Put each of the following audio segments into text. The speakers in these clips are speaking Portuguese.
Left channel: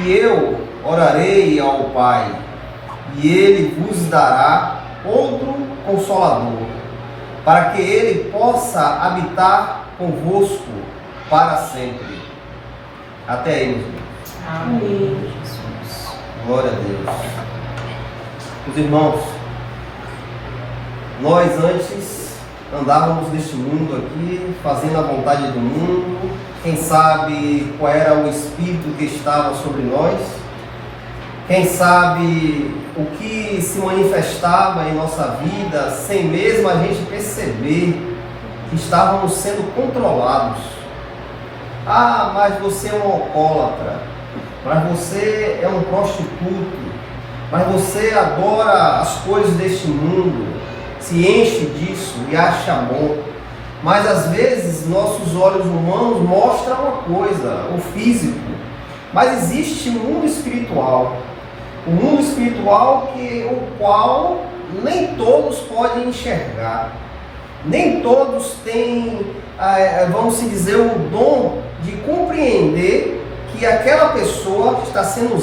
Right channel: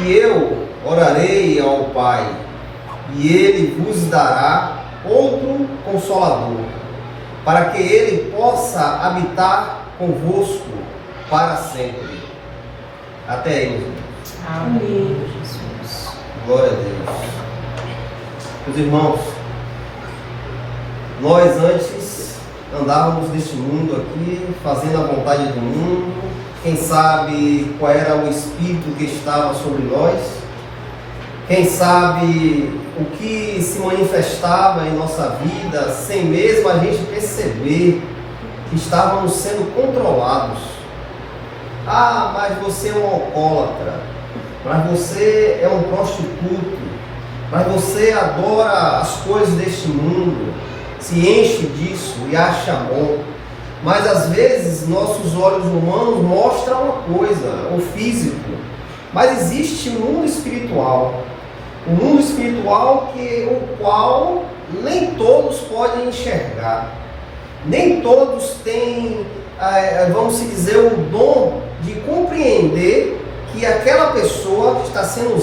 E eu orarei ao Pai, e Ele vos dará outro Consolador, para que Ele possa habitar convosco para sempre. Até aí, meus irmãos. Amém. Glória a Deus. Meus irmãos, nós antes andávamos neste mundo aqui, fazendo a vontade do mundo. Quem sabe qual era o espírito que estava sobre nós? Quem sabe o que se manifestava em nossa vida sem mesmo a gente perceber que estávamos sendo controlados? Ah, mas você é um alcoólatra, mas você é um prostituto, mas você adora as coisas deste mundo, se enche disso e acha bom. Mas às vezes nossos olhos humanos mostram uma coisa, o físico, mas existe um mundo espiritual. O mundo espiritual o qual nem todos podem enxergar. Nem todos têm, vamos dizer, o dom de compreender que aquela pessoa está sendo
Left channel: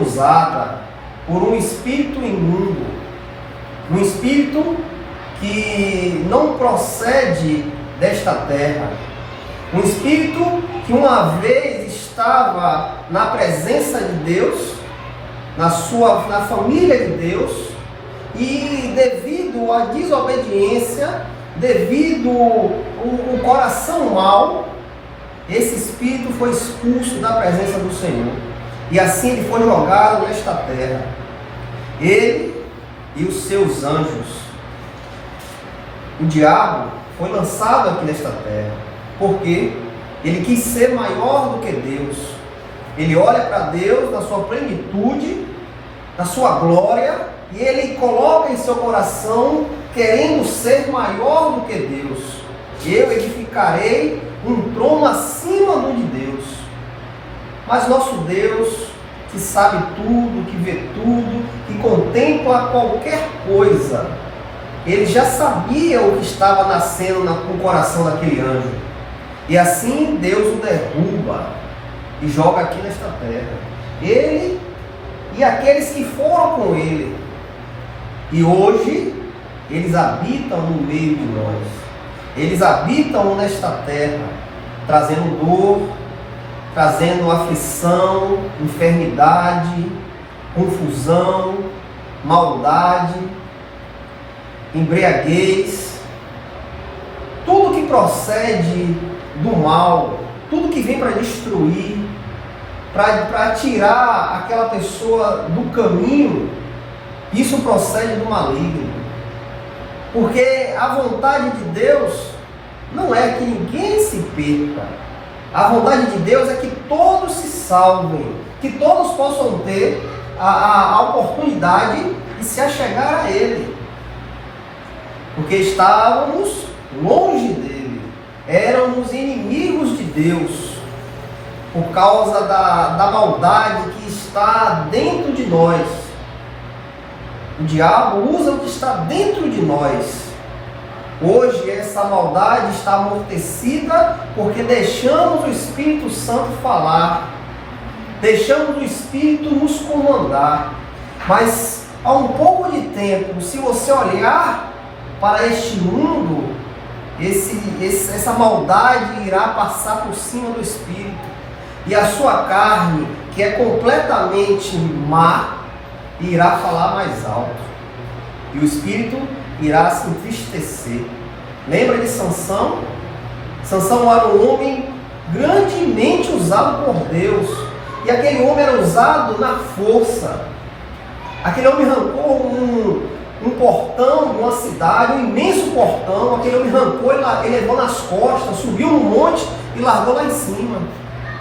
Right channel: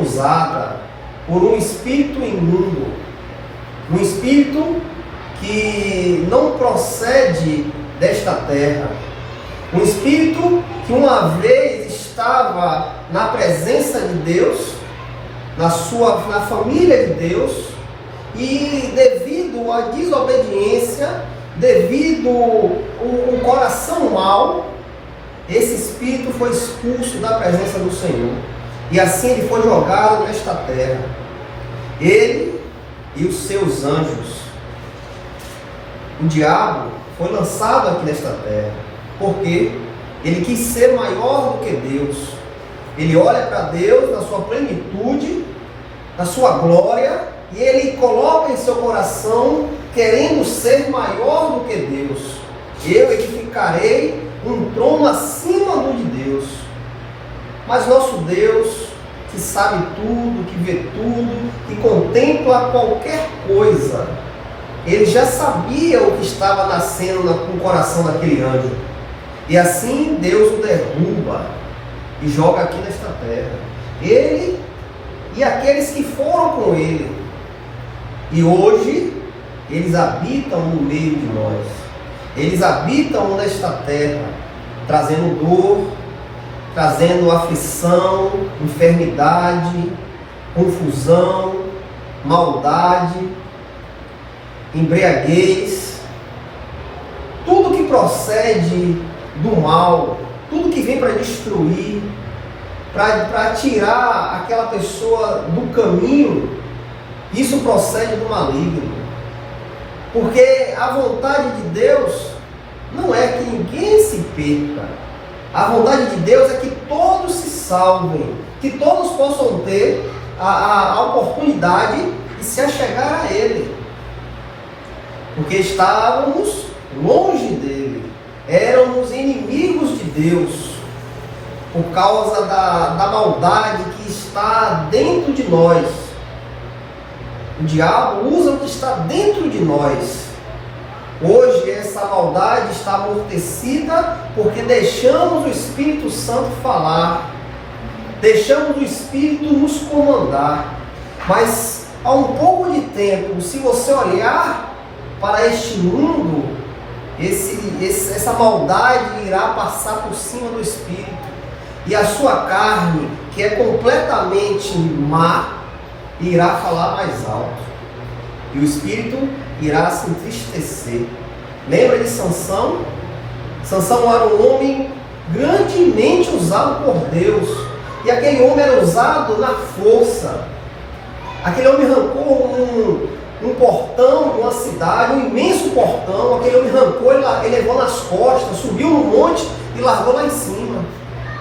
usada por um espírito imundo. Um espírito que não procede desta terra. Um espírito que uma vez estava na presença de Deus, na família de Deus, e devido à desobediência, devido ao coração mau, esse espírito foi expulso da presença do Senhor. E assim ele foi jogado nesta terra. Ele e os seus anjos. O diabo foi lançado aqui nesta terra, porque ele quis ser maior do que Deus. Ele olha para Deus na sua plenitude, na sua glória, e ele coloca em seu coração, querendo ser maior do que Deus. Eu edificarei um trono acima do de Deus. Mas nosso Deus, que sabe tudo, que vê tudo, que contempla qualquer coisa, ele já sabia o que estava nascendo no coração daquele anjo. E assim Deus o derruba e joga aqui nesta terra. Ele e aqueles que foram com ele. E hoje eles habitam no meio de nós. Eles habitam nesta terra, trazendo dor, trazendo aflição, enfermidade, confusão, maldade, embriaguez, tudo que procede do mal, tudo que vem para destruir, para tirar aquela pessoa do caminho, isso procede do maligno. Porque a vontade de Deus não é que ninguém se perca. A vontade de Deus é que todos se salvem, que todos possam ter a oportunidade de se achegar a Ele. Porque estávamos longe dele, éramos inimigos de Deus, por causa da maldade que está dentro de nós. O diabo usa o que está dentro de nós. Hoje essa maldade está amortecida porque deixamos o Espírito Santo falar, deixamos o Espírito nos comandar. Mas há um pouco de tempo, se você olhar para este mundo, essa maldade irá passar por cima do Espírito, e a sua carne, que é completamente má, irá falar mais alto, e o Espírito irá se entristecer. Lembra de Sansão? Sansão era um homem grandemente usado por Deus, e aquele homem era usado na força. Aquele homem arrancou um portão de uma cidade, um imenso portão. Aquele homem arrancou, ele levou nas costas, subiu no monte e largou lá em cima.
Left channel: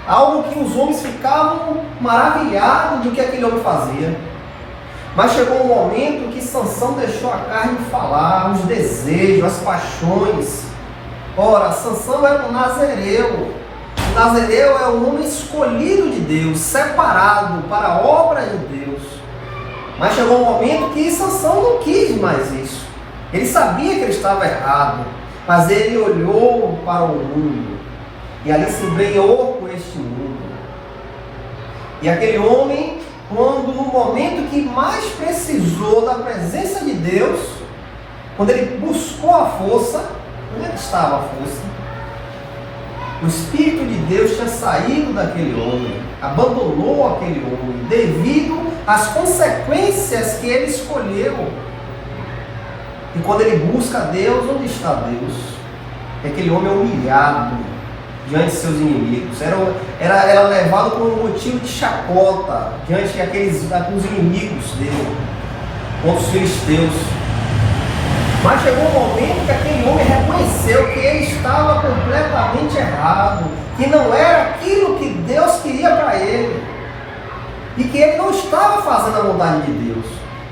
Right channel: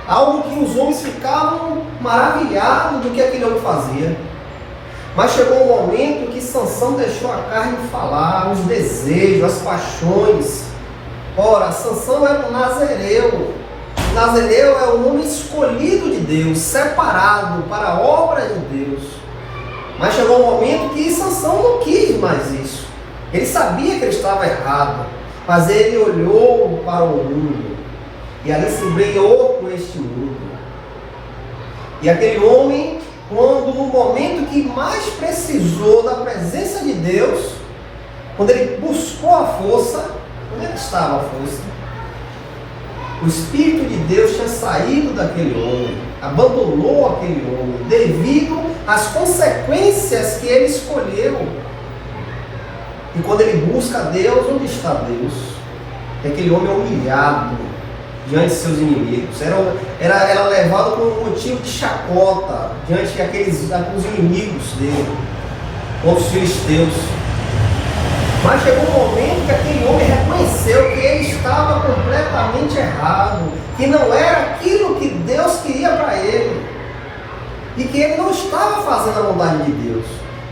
Algo que os homens ficavam maravilhados do que aquele homem fazia. Mas chegou um momento que Sansão deixou a carne falar, os desejos, as paixões. Ora, Sansão era um nazireu. O nazireu é o homem escolhido de Deus, separado para a obra de Deus. Mas chegou um momento que Sansão não quis mais isso. Ele sabia que ele estava errado, mas ele olhou para o mundo e ali se embrenhou com este mundo. E aquele homem, quando no momento que mais precisou da presença de Deus, quando ele buscou a força, onde é que estava a força? O Espírito de Deus tinha saído daquele homem, abandonou aquele homem, devido às consequências que ele escolheu. E quando ele busca Deus, onde está Deus? Aquele homem é humilhado diante de seus inimigos, era levado como motivo de chacota diante daqueles inimigos dele, contra os filisteus. Mas chegou um momento que aquele homem reconheceu que ele estava completamente errado, que não era aquilo que Deus queria para ele, e que ele não estava fazendo a vontade de Deus.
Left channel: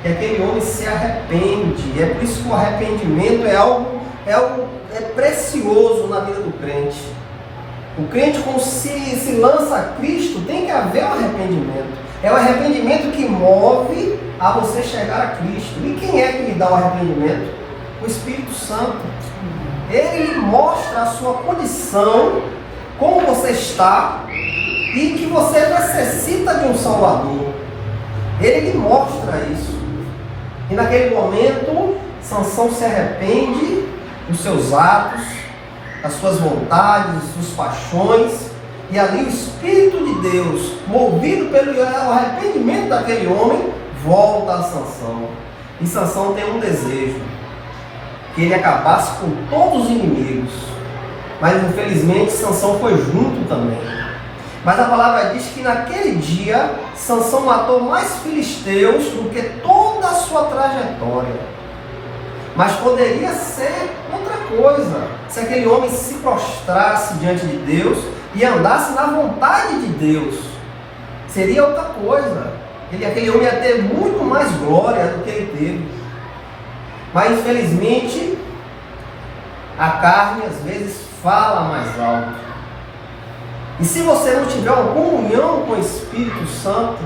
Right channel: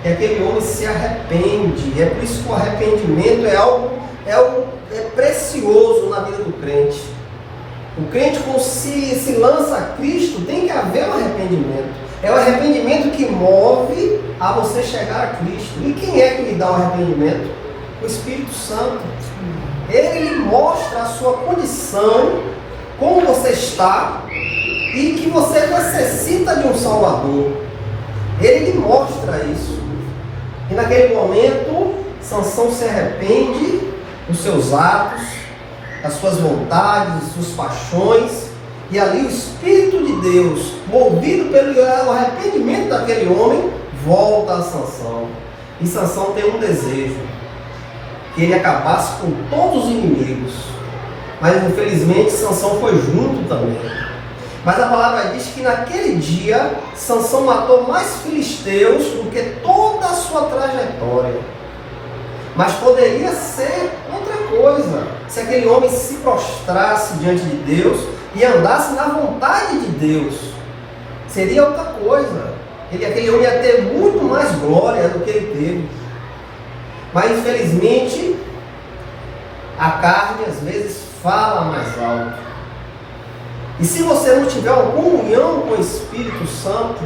E aquele homem se arrepende. É por isso que o arrependimento é algo precioso na vida do crente. O crente, quando se lança a Cristo, tem que haver um arrependimento. É o arrependimento que move a você chegar a Cristo. E quem é que lhe dá o arrependimento? O Espírito Santo. Ele lhe mostra a sua condição, como você está, e que você necessita de um Salvador. Ele lhe mostra isso. E naquele momento, Sansão se arrepende dos seus atos, das suas vontades, das suas paixões, e ali o Espírito de Deus, movido pelo arrependimento daquele homem, volta a Sansão. E Sansão tem um desejo, que ele acabasse com todos os inimigos. Mas infelizmente Sansão foi junto também. Mas a palavra diz que naquele dia Sansão matou mais filisteus do que toda a sua trajetória. Mas poderia ser outra coisa, se aquele homem se prostrasse diante de Deus e andasse na vontade de Deus. Seria outra coisa. Aquele homem ia ter muito mais glória do que ele teve. Mas infelizmente a carne às vezes fala mais alto. E se você não tiver uma comunhão com o Espírito Santo,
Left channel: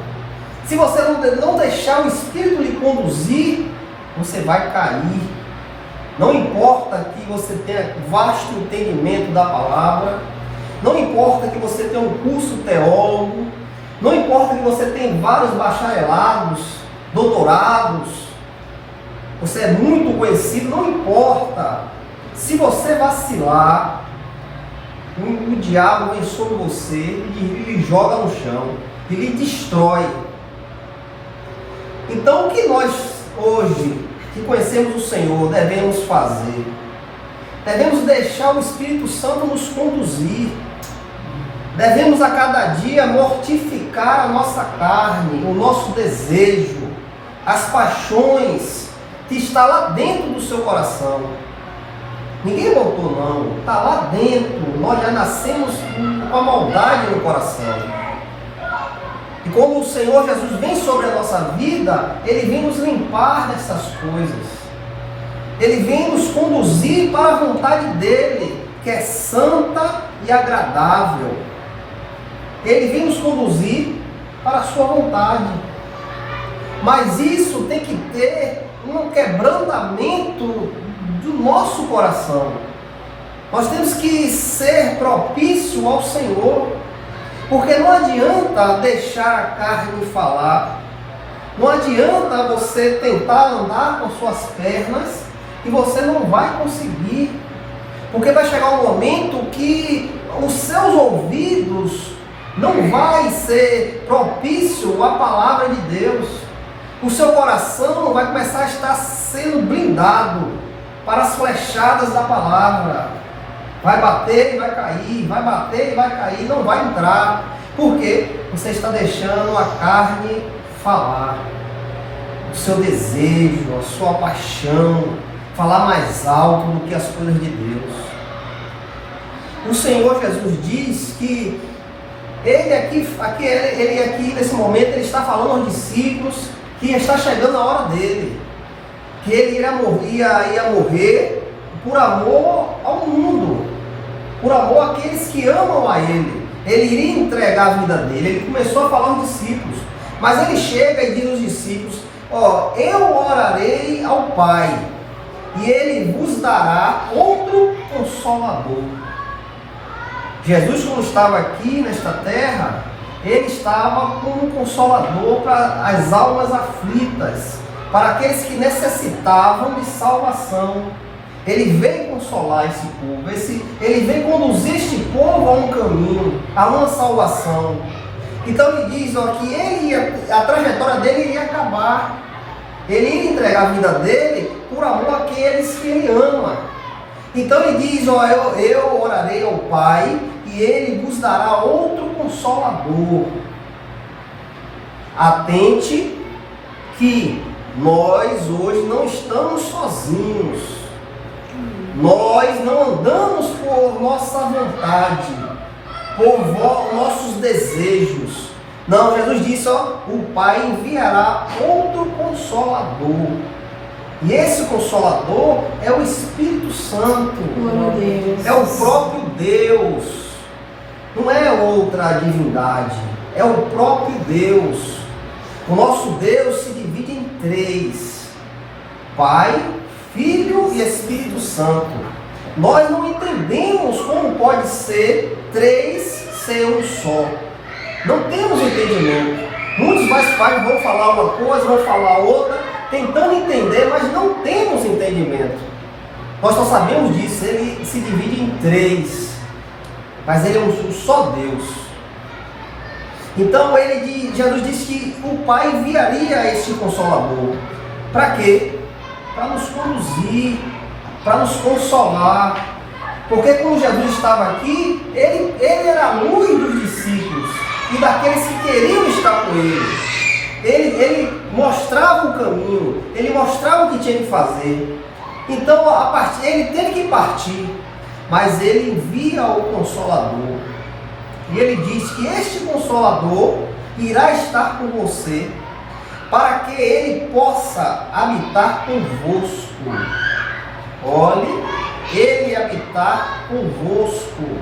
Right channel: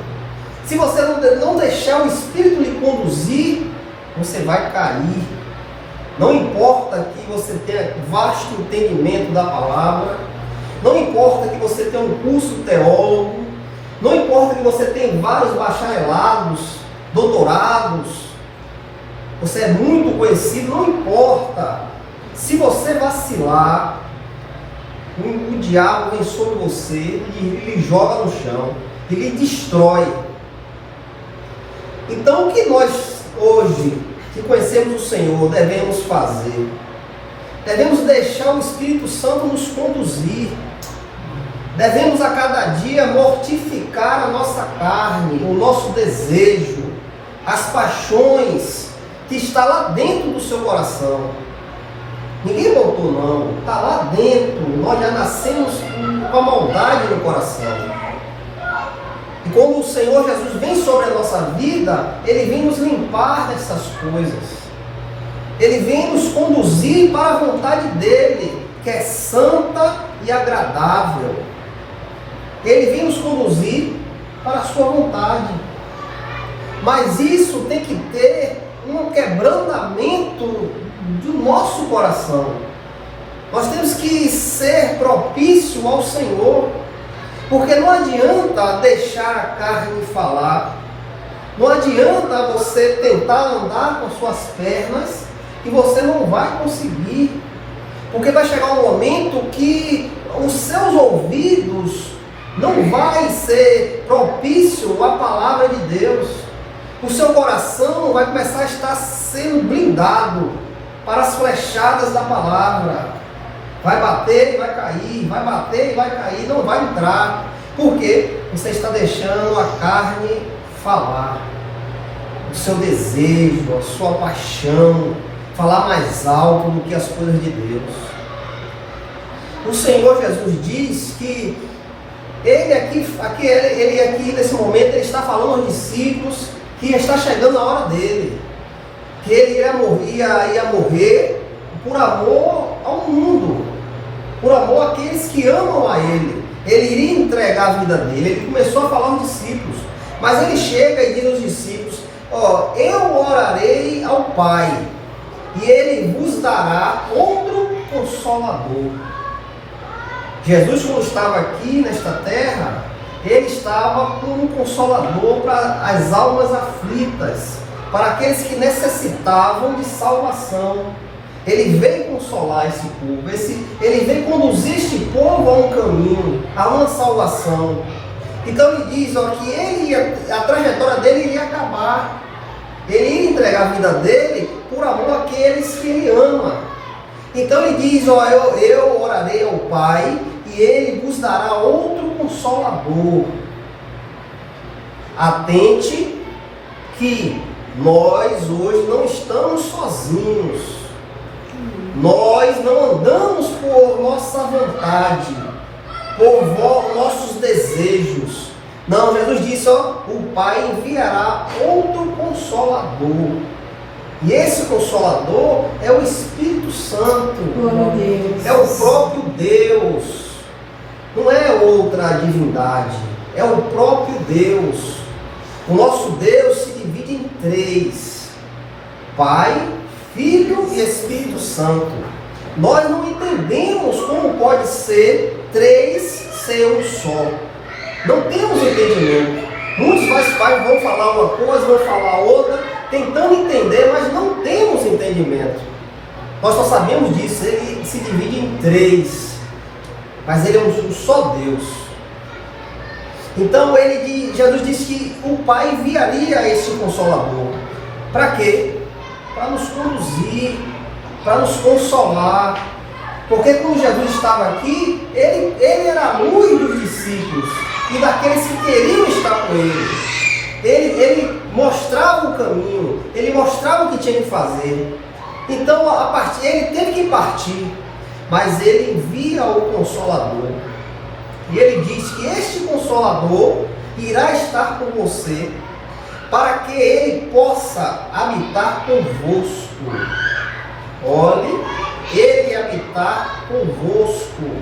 se você não deixar o Espírito lhe conduzir, você vai cair. Não importa que você tenha vasto entendimento da palavra, não importa que você tenha um curso teólogo, não importa que você tenha vários bacharelados, doutorados, você é muito conhecido, não importa. Se você vacilar, o diabo vem sobre você e lhe joga no chão, e lhe destrói. Então o que nós hoje, que conhecemos o Senhor, devemos fazer? Devemos deixar o Espírito Santo nos conduzir. Devemos a cada dia mortificar a nossa carne, o nosso desejo, as paixões que está lá dentro do seu coração. Ninguém botou não, está lá dentro. Nós já nascemos com a maldade no coração. E quando o Senhor Jesus vem sobre a nossa vida, Ele vem nos limpar dessas coisas. Ele vem nos conduzir para a vontade dEle, que é santa e agradável. Ele vem nos conduzir para a sua vontade. Mas isso tem que ter um quebrantamento do nosso coração. Nós temos que ser propício ao Senhor. Porque não adianta deixar a carne falar. Não adianta você tentar andar com suas pernas e você não vai conseguir. Porque vai chegar um momento que os seus ouvidos não vai ser propício à palavra de Deus. O seu coração vai começar a estar sendo blindado para as flechadas da palavra. Vai bater e vai cair, vai bater e vai cair, não vai entrar. Por quê? Você está deixando a carne falar. O seu desejo, a sua paixão, falar mais alto do que as coisas de Deus. O Senhor Jesus diz que ele aqui nesse momento, ele está falando aos discípulos que está chegando a hora dele. Que ele ia morrer por amor ao mundo, por amor àqueles que amam a ele. Ele iria entregar a vida dele. Ele começou a falar aos discípulos, mas ele chega e diz aos discípulos: eu orarei ao Pai, e ele vos dará outro Consolador. Jesus, quando estava aqui nesta terra, ele estava como um consolador para as almas aflitas, para aqueles que necessitavam de salvação. Ele veio consolar esse povo, ele veio conduzir este povo a um caminho, a uma salvação. Então ele diz que a trajetória dele iria acabar. Ele ia entregar a vida dele por amor àqueles que ele ama. Então ele diz, eu orarei ao Pai e ele vos dará outro consolador. Atente que nós hoje não estamos sozinhos. Nós não andamos por nossa vontade, por nossos desejos. Não, Jesus disse, o Pai enviará outro consolador. E esse consolador é o Espírito Santo. É o próprio Deus. Não é outra divindade. É o próprio Deus. O nosso Deus se divide em três: Pai, Filho e Espírito Santo. Nós não entendemos como pode ser três ser um só. Não temos entendimento. Muitos pais vão falar uma coisa, vão falar outra, tentando entender, mas não temos entendimento. Nós só sabemos disso, ele se divide em três, mas ele é um só Deus. Então Jesus disse que o Pai enviaria esse Consolador. Para quê? Para nos conduzir, para nos consolar. Porque quando Jesus estava aqui, ele era a luz dos discípulos e daqueles que queriam estar com ele. Ele mostrava o caminho, ele mostrava o que tinha que fazer. Então ele teve que partir, mas ele envia o Consolador. E ele diz que este Consolador irá estar com você, para que ele possa habitar convosco. Olhe, ele habitar convosco.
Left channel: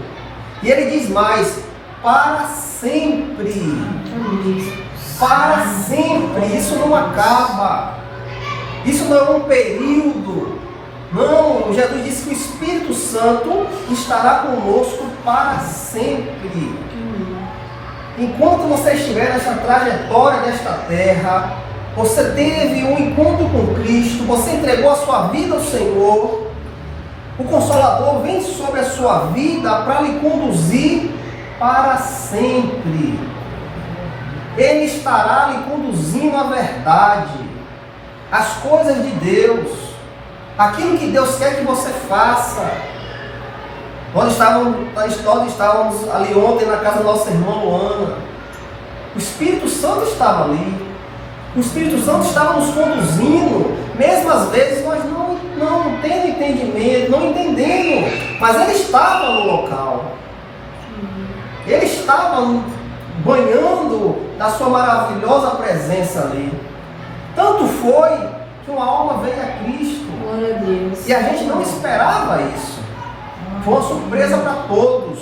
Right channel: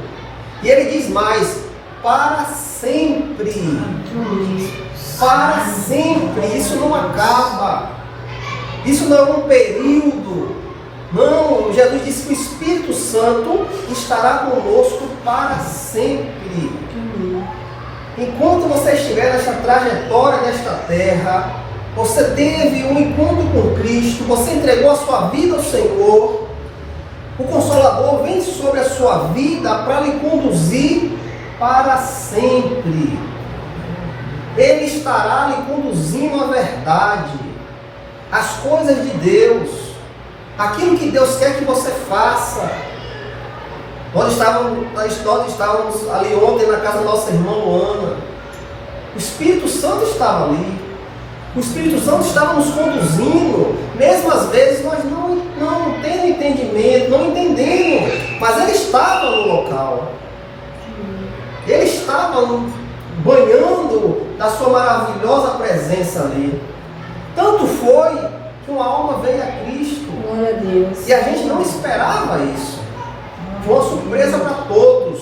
E ele diz mais: para sempre. Para sempre. Isso não acaba. Isso não é um período. Não, Jesus disse que o Espírito Santo estará conosco para sempre. Enquanto você estiver nessa trajetória desta terra, você teve um encontro com Cristo, você entregou a sua vida ao Senhor, o Consolador vem sobre a sua vida para lhe conduzir para sempre. Ele estará lhe conduzindo à verdade, às coisas de Deus, aquilo que Deus quer que você faça. Nós estávamos ali ontem na casa da nossa irmã Luana. O Espírito Santo estava ali. O Espírito Santo estava nos conduzindo. Mesmo às vezes nós não tendo entendimento, não entendendo. Mas Ele estava no local. Ele estava banhando da sua maravilhosa presença ali. Tanto foi que uma alma veio a Cristo. Glória a Deus. E a gente não esperava isso. Foi uma surpresa para todos.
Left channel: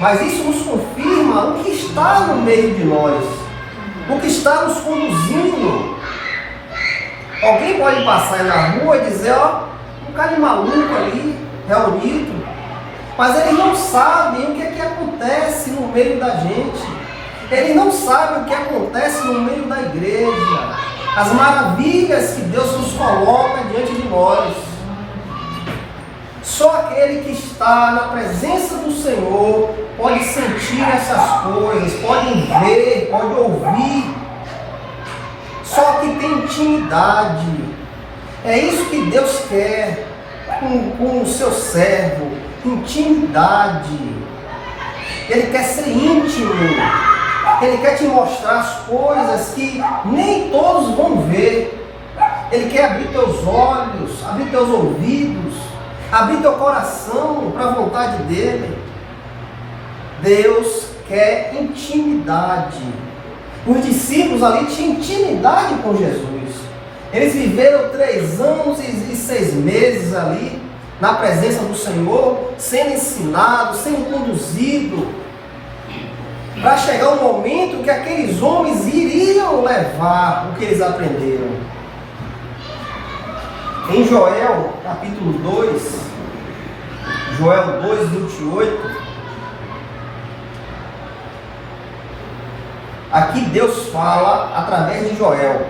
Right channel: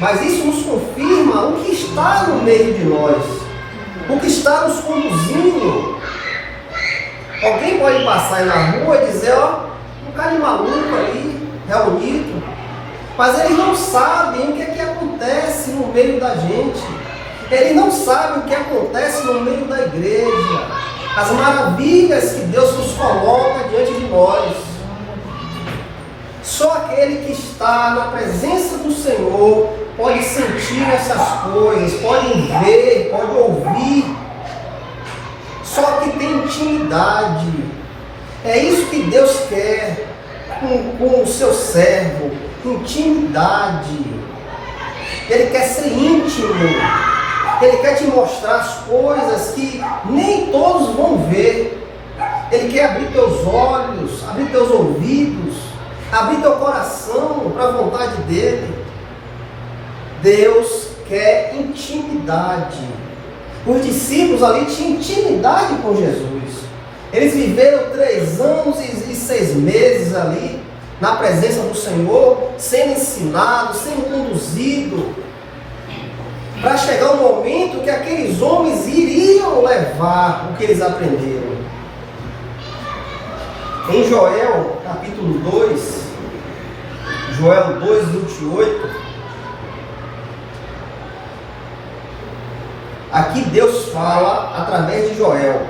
Mas isso nos confirma o que está no meio de nós. O que está nos conduzindo. Alguém pode passar aí na rua e dizer, um cara de maluco ali, reunido. Mas eles não sabem o que é que acontece no meio da gente. Eles não sabem o que acontece no meio da igreja. As maravilhas que Deus nos coloca diante de nós. Só aquele que está na presença do Senhor pode sentir essas coisas, pode ver, pode ouvir. Só que tem intimidade. É isso que Deus quer com o seu servo. Intimidade. Ele quer ser íntimo. Ele quer te mostrar as coisas que nem todos vão ver. Ele quer abrir teus olhos, abrir teus ouvidos, abrir teu coração para a vontade dele. Deus quer intimidade. Os discípulos ali tinham intimidade com Jesus. Eles viveram 3 anos e 6 meses ali na presença do Senhor, sendo ensinados, sendo conduzidos, para chegar o momento que aqueles homens iriam levar o que eles aprenderam. Em Joel, capítulo 2, Joel 2, 28, aqui Deus fala através de Joel.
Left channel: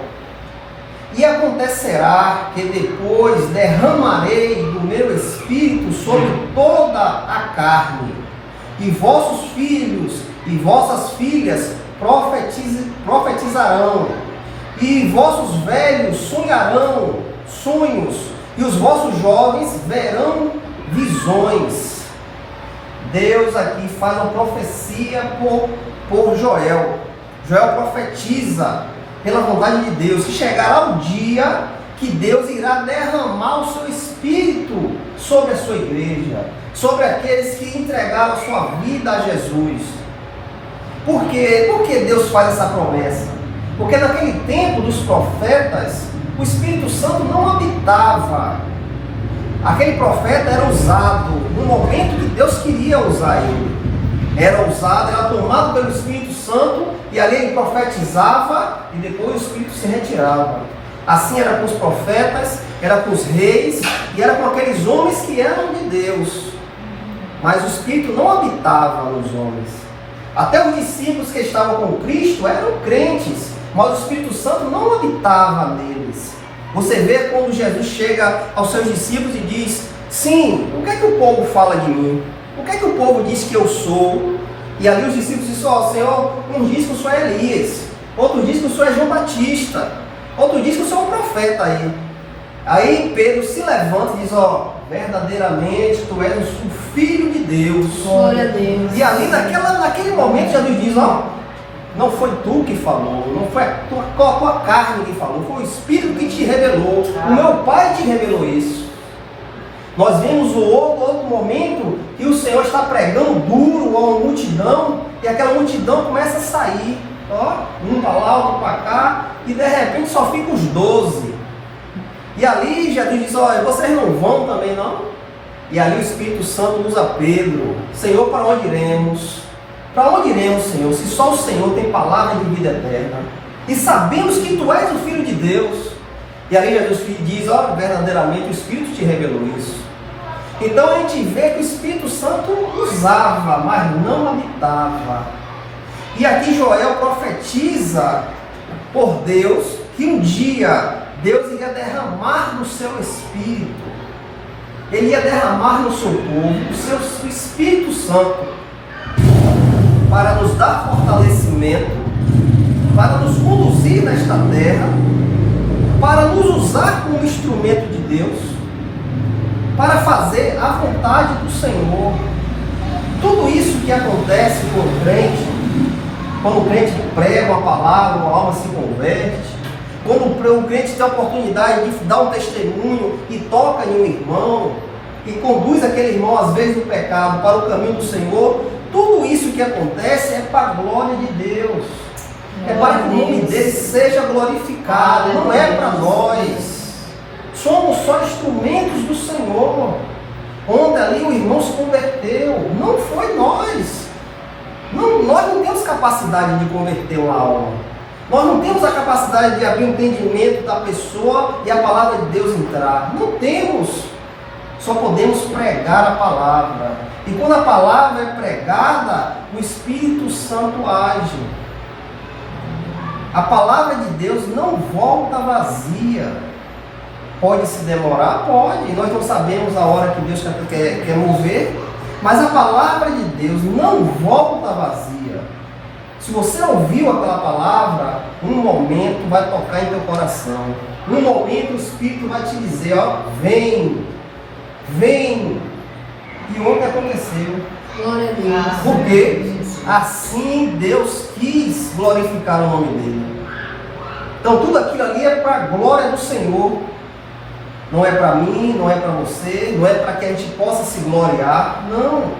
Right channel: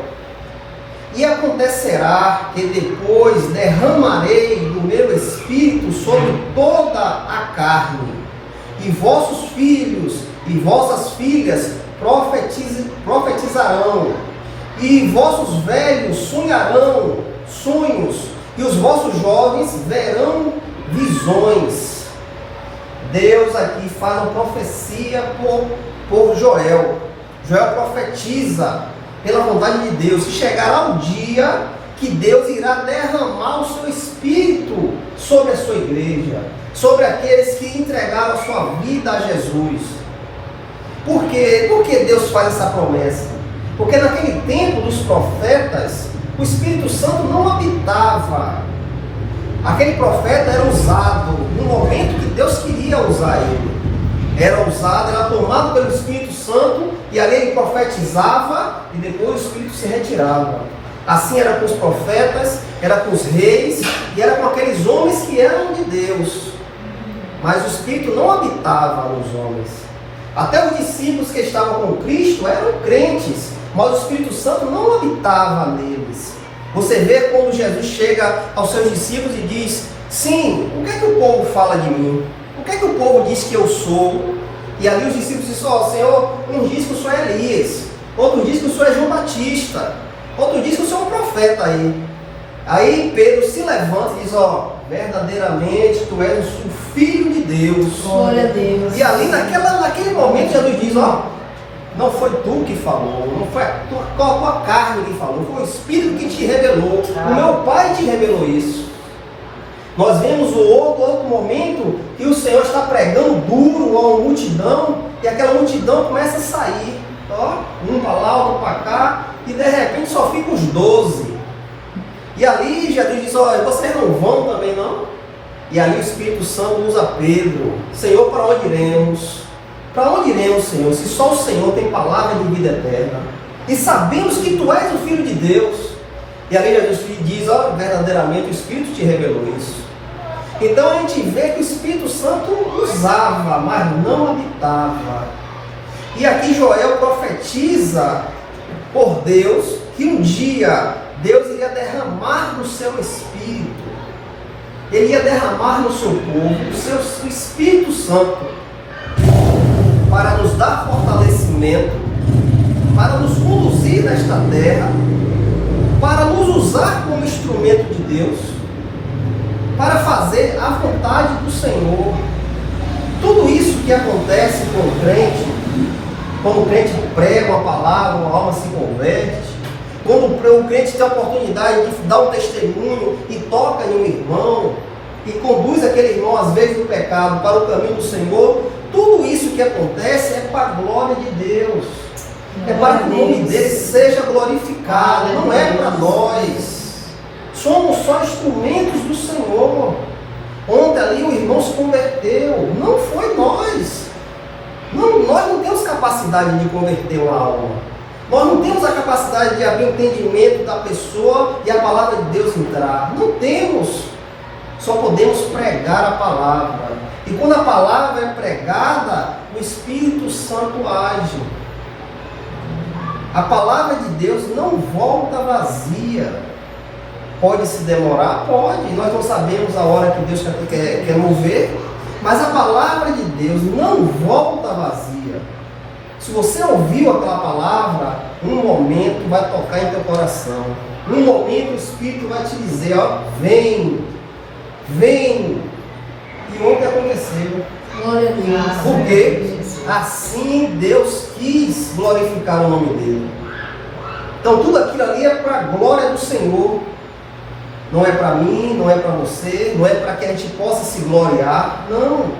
E acontecerá que depois derramarei do meu espírito sobre toda a carne, e vossos filhos e vossas filhas profetizarão, e vossos velhos sonharão sonhos, e os vossos jovens verão visões. Deus aqui faz uma profecia por Joel. Joel profetiza pela vontade de Deus que chegará o dia que Deus irá derramar o seu Espírito sobre a sua igreja, sobre aqueles que entregaram a sua vida a Jesus. Por quê? Por que Deus faz essa promessa? Porque naquele tempo dos profetas, o Espírito Santo não habitava. Aquele profeta era usado no momento que Deus queria usar ele. Era usado, era tomado pelo Espírito Santo, e ali ele profetizava e depois o Espírito se retirava. Assim era com os profetas, era com os reis e era com aqueles homens que eram de Deus. Mas o Espírito não habitava nos homens. Até os discípulos que estavam com Cristo eram crentes, mas o Espírito Santo não habitava neles. Você vê quando Jesus chega aos seus discípulos e diz: sim, o que é que o povo fala de mim? O que é que o povo diz que eu sou? E ali os discípulos dizem: ó, Senhor, um diz que o Senhor é Elias, outro diz que o Senhor é João Batista, outro diz que o Senhor é um profeta aí. Aí Pedro se levanta e diz: ó, verdadeiramente tu és o Filho de Deus. Glória a Deus. E ali naquele momento Jesus diz: ó, não foi tu que falou, não foi a tua carne que falou, foi o Espírito que te revelou. O meu Pai te revelou isso. Nós vemos o outro momento que o Senhor está pregando duro a uma multidão, e aquela multidão começa a sair, ó, um para lá, outro para cá, e de repente só fica os 12. E ali Jesus diz: olha, vocês não vão também não? E ali o Espírito Santo usa Pedro: Senhor, para onde iremos? Para onde iremos, Senhor, se só o Senhor tem palavra de vida eterna? E sabemos que tu és o Filho de Deus. E ali Jesus diz: ó, verdadeiramente o Espírito te revelou isso. Então a gente vê que o Espírito Santo usava, mas não habitava. E aqui Joel profetiza por Deus que um dia Deus iria derramar do seu Espírito. Ele ia derramar no seu povo o seu Espírito Santo, para nos dar fortalecimento, para nos conduzir nesta terra, para nos usar como instrumento de Deus, para fazer a vontade do Senhor. Tudo isso que acontece com o crente, quando o crente prega uma palavra, uma alma se converte, quando o crente tem a oportunidade de dar um testemunho e toca em um irmão, e conduz aquele irmão às vezes do pecado para o caminho do Senhor, tudo isso que acontece é para a glória de Deus, é para que o nome dele seja glorificado, não é para nós. Somos só instrumentos do Senhor. Ontem ali o irmão se converteu, não foi nós. Nós não temos capacidade de converter uma alma. Nós não temos a capacidade de abrir o entendimento da pessoa e a palavra de Deus entrar. Não temos. Só podemos pregar a palavra. E quando a palavra é pregada, o Espírito Santo age. A palavra de Deus não volta vazia. Pode se demorar? Pode. Nós não sabemos a hora que Deus quer mover. Mas a palavra de Deus não volta vazia. Se você ouviu aquela palavra, um momento vai tocar em teu coração. Um momento o Espírito vai te dizer: ó, vem, vem. E ontem aconteceu. Glória a Deus. Porque assim Deus quis glorificar o nome dele. Então tudo aquilo ali é para a glória do Senhor. Não é para mim, não é para você, não é para que a gente possa se gloriar. Não.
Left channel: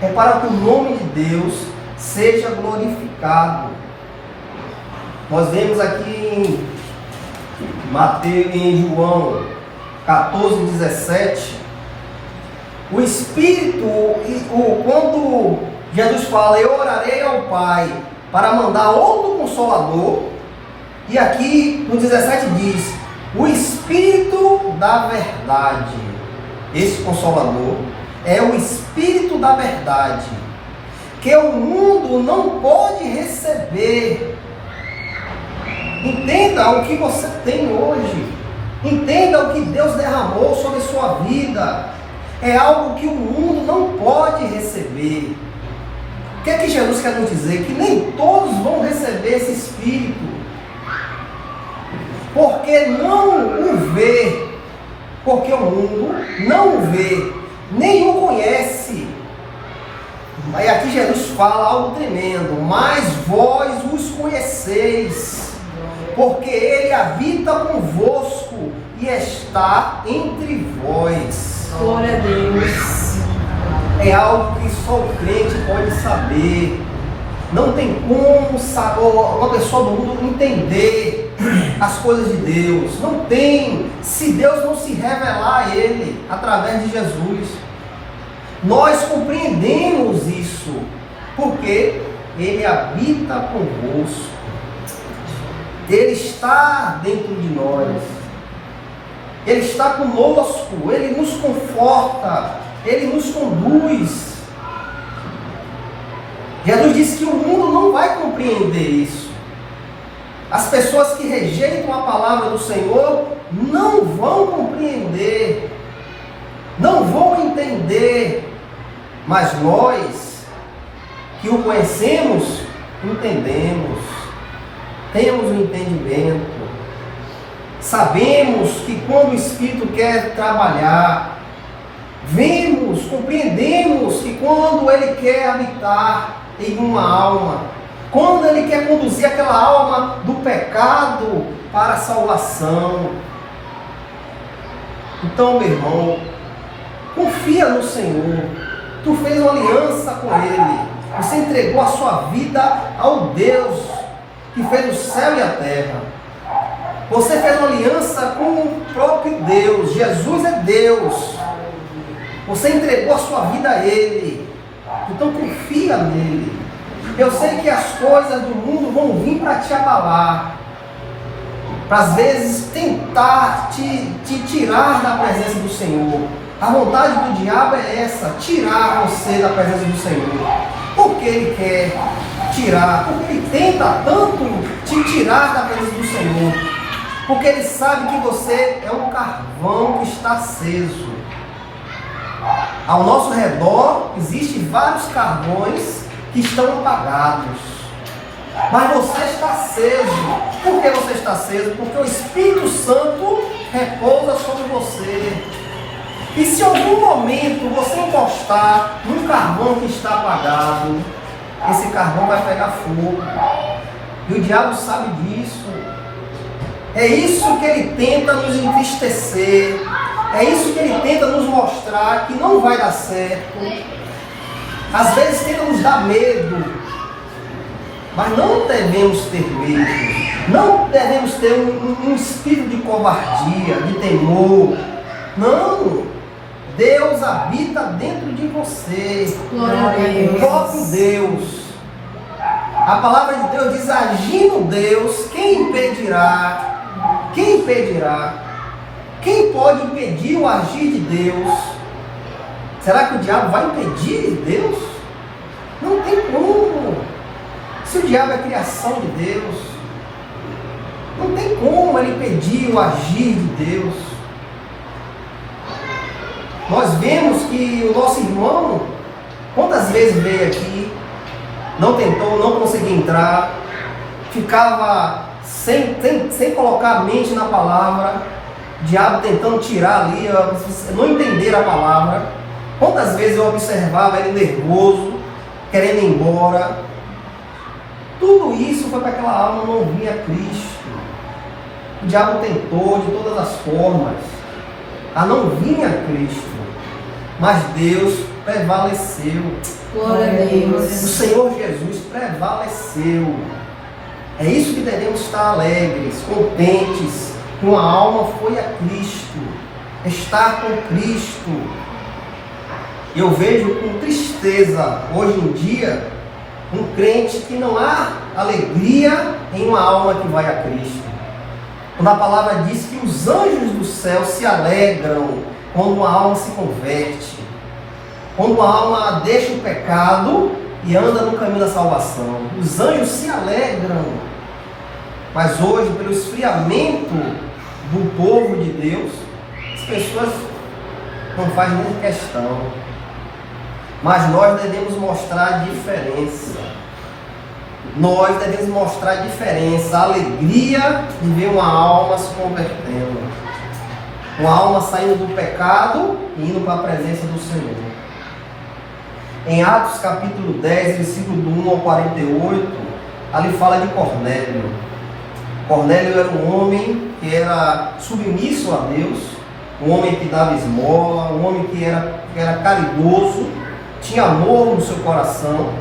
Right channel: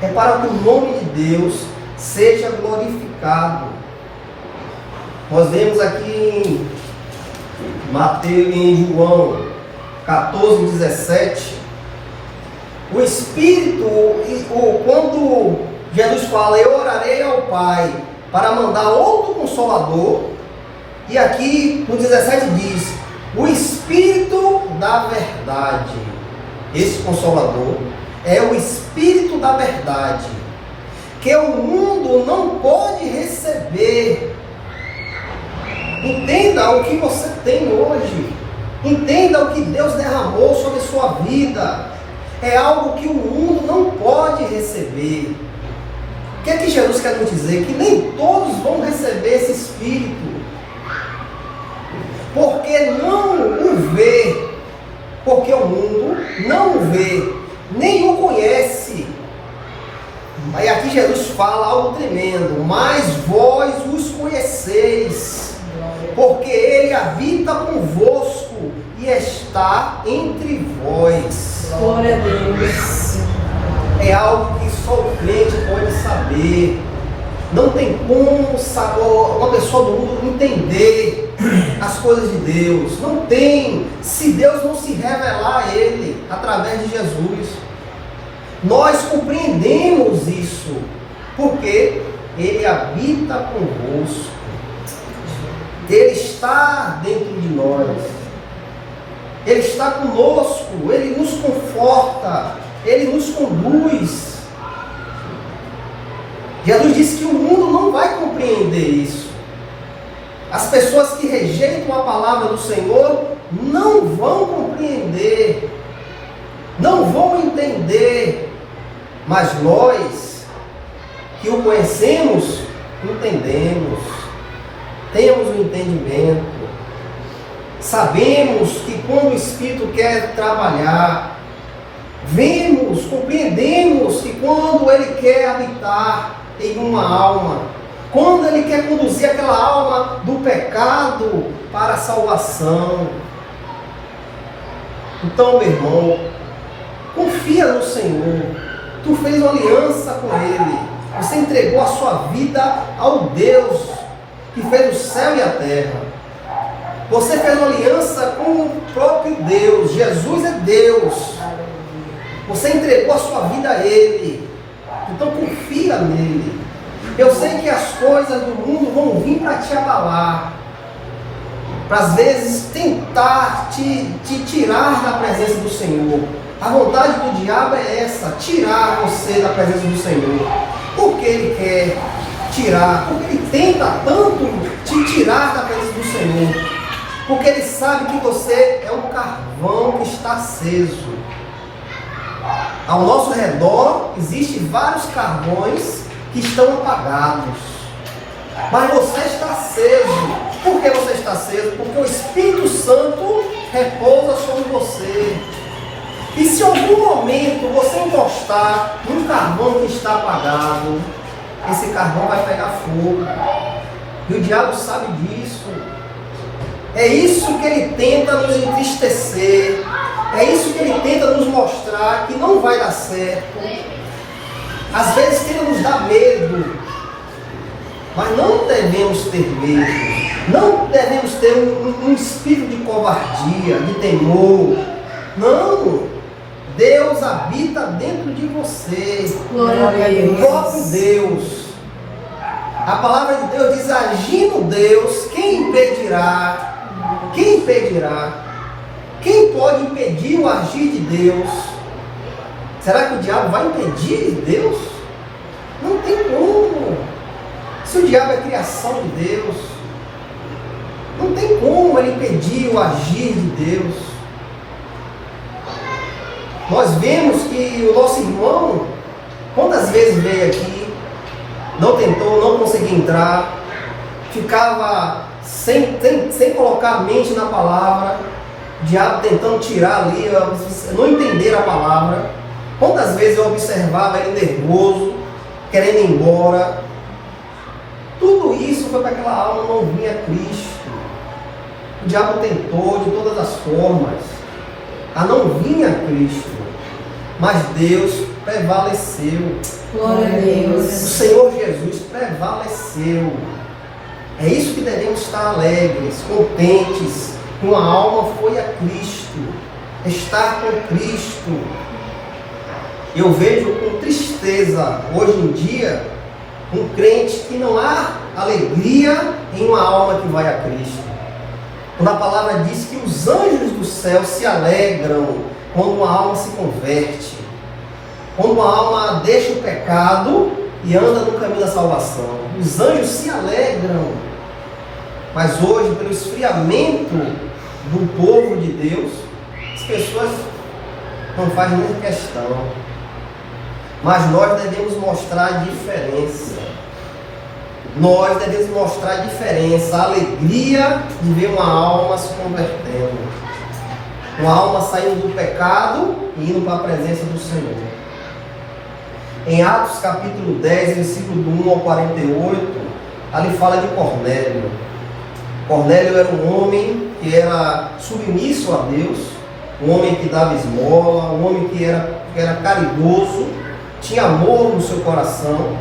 É para que o nome de Deus seja glorificado. Nós vemos aqui em Mateus, em João 14:17, o Espírito, quando Jesus fala: eu orarei ao Pai para mandar outro Consolador, e aqui no 17 diz: o Espírito da verdade. Esse Consolador é o Espírito da verdade, que o mundo não pode receber, Entenda o que você tem hoje. Entenda o que Deus derramou sobre sua vida. É algo que o mundo não pode receber. O que é que Jesus quer nos dizer? Que nem todos vão receber esse Espírito. Porque não o vê. Porque o mundo não o vê, nem o conhece. Aí aqui Jesus fala algo tremendo. Mas vós os conheceis, porque Ele habita convosco e está entre vós. Glória a Deus. É algo que só o crente pode saber. Não tem como uma pessoa do mundo entender as coisas de Deus. Não tem, se Deus não se revelar a Ele através de Jesus. Nós compreendemos isso, porque Ele habita convosco. Ele está dentro de nós. Ele está conosco. Ele nos conforta. Ele nos conduz. Jesus disse que o mundo não vai compreender isso. As pessoas que rejeitam a palavra do Senhor não vão compreender, não vão entender. Mas nós que o conhecemos, entendemos, temos o entendimento, sabemos que quando o Espírito quer trabalhar, vemos, compreendemos que quando Ele quer habitar em uma alma, quando Ele quer conduzir aquela alma do pecado para a salvação. Então, meu irmão, confia no Senhor. Tu fez uma aliança com Ele. Você entregou a sua vida ao Deus que fez o céu e a terra. Você fez uma aliança com o próprio Deus. Jesus é Deus. Você entregou a sua vida a Ele. Então confia nele. Eu sei que as coisas do mundo vão vir para te abalar, para às vezes tentar te tirar da presença do Senhor. A vontade do diabo é essa, tirar você da presença do Senhor. Por que ele quer tirar? Porque ele tenta tanto te tirar da presença do Senhor. Porque ele sabe que você é um carvão que está aceso. Ao nosso redor existem vários carvões que estão apagados. Mas você está aceso. Por que você está aceso? Porque o Espírito Santo repousa sobre você. E se em algum momento você encostar num carvão que está apagado, esse carvão vai pegar fogo. E o diabo sabe disso. É isso que ele tenta nos entristecer. É isso que ele tenta nos mostrar que não vai dar certo. Às vezes tenta nos dar medo. Mas não devemos ter medo. Não devemos ter um espírito de covardia, de temor. Não. Deus habita dentro de você. O próprio Deus. A palavra de Deus diz: agindo Deus, quem impedirá? Quem impedirá? Quem pode impedir o agir de Deus? Será que o diabo vai impedir Deus? Não tem como. Se o diabo é criação de Deus, não tem como ele impedir o agir de Deus. Nós vemos que o nosso irmão, quantas vezes veio aqui, não tentou, não conseguia entrar, ficava sem colocar a mente na palavra, o diabo tentando tirar ali, não entender a palavra. Quantas vezes eu observava ele nervoso, querendo ir embora. Tudo isso foi para aquela alma não vir a Cristo. O diabo tentou de todas as formas a não vir a Cristo, mas Deus prevaleceu. Glória a Deus. O Senhor Jesus prevaleceu. É isso que devemos estar alegres, contentes. Uma alma foi a Cristo, estar com Cristo. Eu vejo com tristeza hoje em dia um crente que não há alegria em uma alma que vai a Cristo. Quando a palavra diz que os anjos do céu se alegram quando uma alma se converte, quando uma alma deixa o pecado e anda no caminho da salvação. Os anjos se alegram. Mas hoje, pelo esfriamento do povo de Deus, as pessoas não fazem nem questão. Mas nós devemos mostrar a diferença. Nós devemos mostrar a diferença, a alegria de ver uma alma se convertendo. Uma alma saindo do pecado e indo para a presença do Senhor. Em Atos capítulo 10, versículo do 1 ao 48, ali fala de Cornélio. Cornélio era um homem que era submisso a Deus, um homem que dava esmola, um homem que era caridoso, tinha amor no seu coração.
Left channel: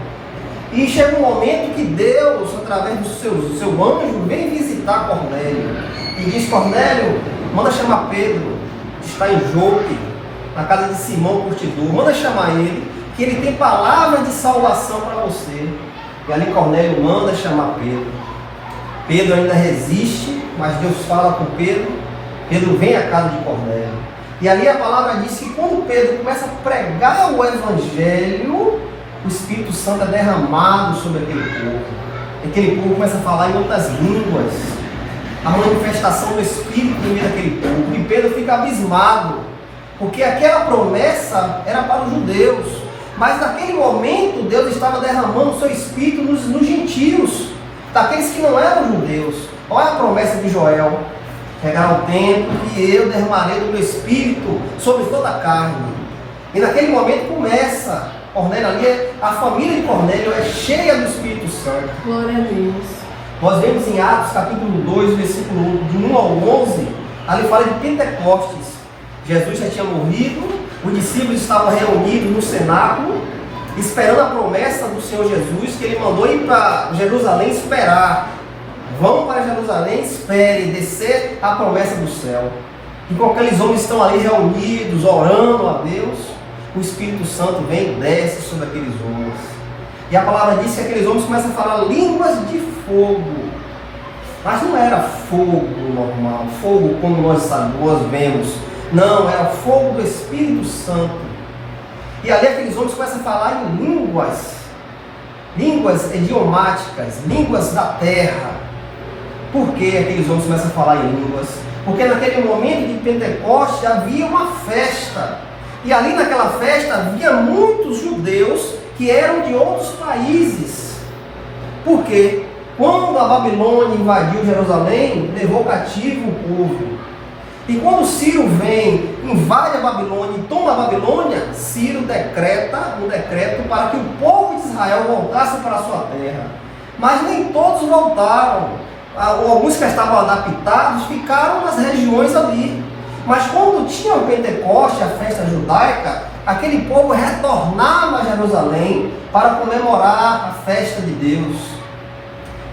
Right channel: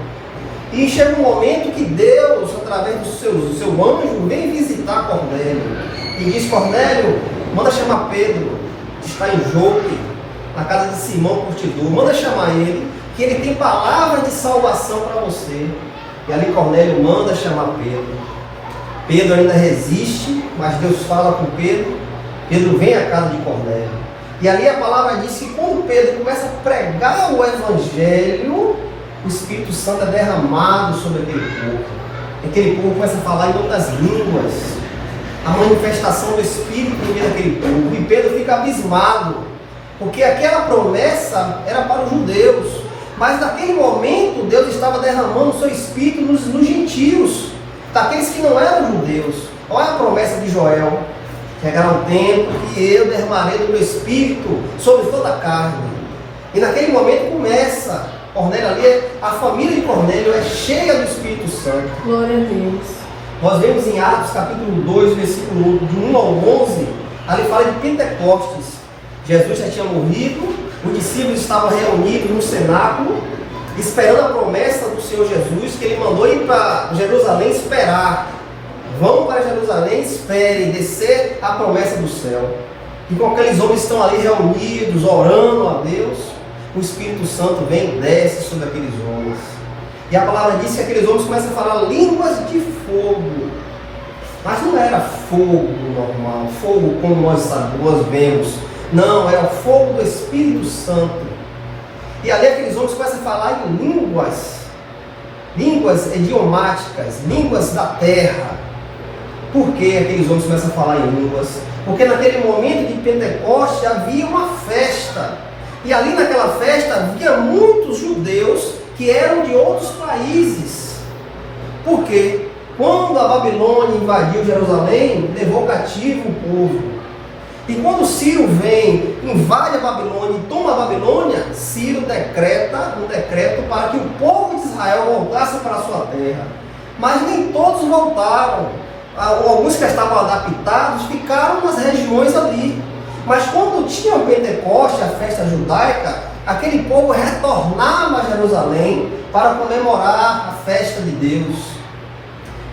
E chega um momento que Deus, através do seu anjo, vem visitar Cornélio. E diz: Cornélio, manda chamar Pedro, que está em Jope, na casa de Simão Curtidor. Manda chamar ele, que ele tem palavra de salvação para você. E ali Cornélio manda chamar Pedro. Pedro ainda resiste, mas Deus fala com Pedro. Pedro vem à casa de Cornélio. E ali a palavra diz que quando Pedro começa a pregar o Evangelho, o Espírito Santo é derramado sobre aquele povo. Aquele povo começa a falar em outras línguas. A manifestação do Espírito no meio daquele povo. E Pedro fica abismado, porque aquela promessa era para os judeus. Mas naquele momento Deus estava derramando o seu Espírito nos gentios, daqueles que não eram judeus. Olha a promessa de Joel: chegará o tempo que eu derramarei do meu Espírito sobre toda a carne. E naquele momento começa Cornélio ali, a família de Cornélio é cheia do Espírito Santo. Glória a Deus. Nós vemos em Atos capítulo 2, versículo de 1 ao 11, ali fala de Pentecostes. Jesus já tinha morrido, os discípulos estavam reunidos no cenáculo, esperando a promessa do Senhor Jesus, que ele mandou ir para Jerusalém esperar. Vão para Jerusalém, esperem descer a promessa do céu. E com aqueles homens que estão ali reunidos, orando a Deus, o Espírito Santo vem e desce sobre aqueles homens. E a palavra diz que aqueles homens começam a falar línguas de fogo. Mas não era fogo normal, fogo como nós vemos. Não, era fogo do Espírito Santo. E ali aqueles homens começam a falar em línguas idiomáticas, línguas da terra. Por que aqueles homens começam a falar em línguas? Porque naquele momento de Pentecostes havia uma festa. E ali naquela festa havia muitos judeus que eram de outros países. Por quê? Quando a Babilônia invadiu Jerusalém, levou cativo o povo. E quando Ciro vem, invade a Babilônia e toma a Babilônia, Ciro decreta um decreto para que o povo de Israel voltasse para a sua terra. Mas nem todos voltaram. Alguns que estavam adaptados ficaram nas regiões ali. Mas quando tinha o Pentecoste, a festa judaica, aquele povo retornava a Jerusalém para comemorar a festa de Deus.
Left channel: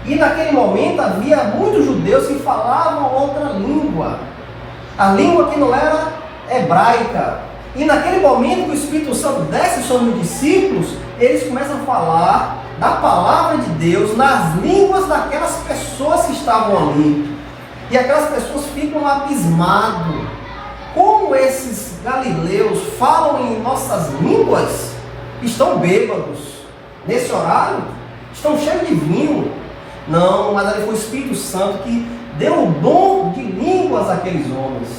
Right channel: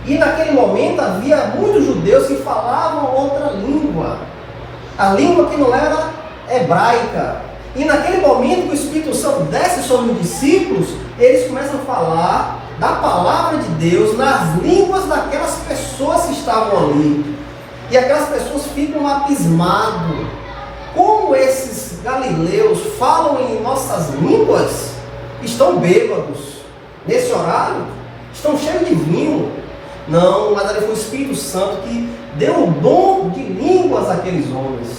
E naquele momento havia muitos judeus que falavam outra língua. A língua que não era hebraica. E naquele momento que o Espírito Santo desce sobre os discípulos, eles começam a falar da palavra de Deus nas línguas daquelas pessoas que estavam ali. E aquelas pessoas ficam abismadas. Como esses galileus falam em nossas línguas? Estão bêbados. Nesse horário, estão cheios de vinho. Não, mas ali foi o Espírito Santo que deu o dom de línguas àqueles homens.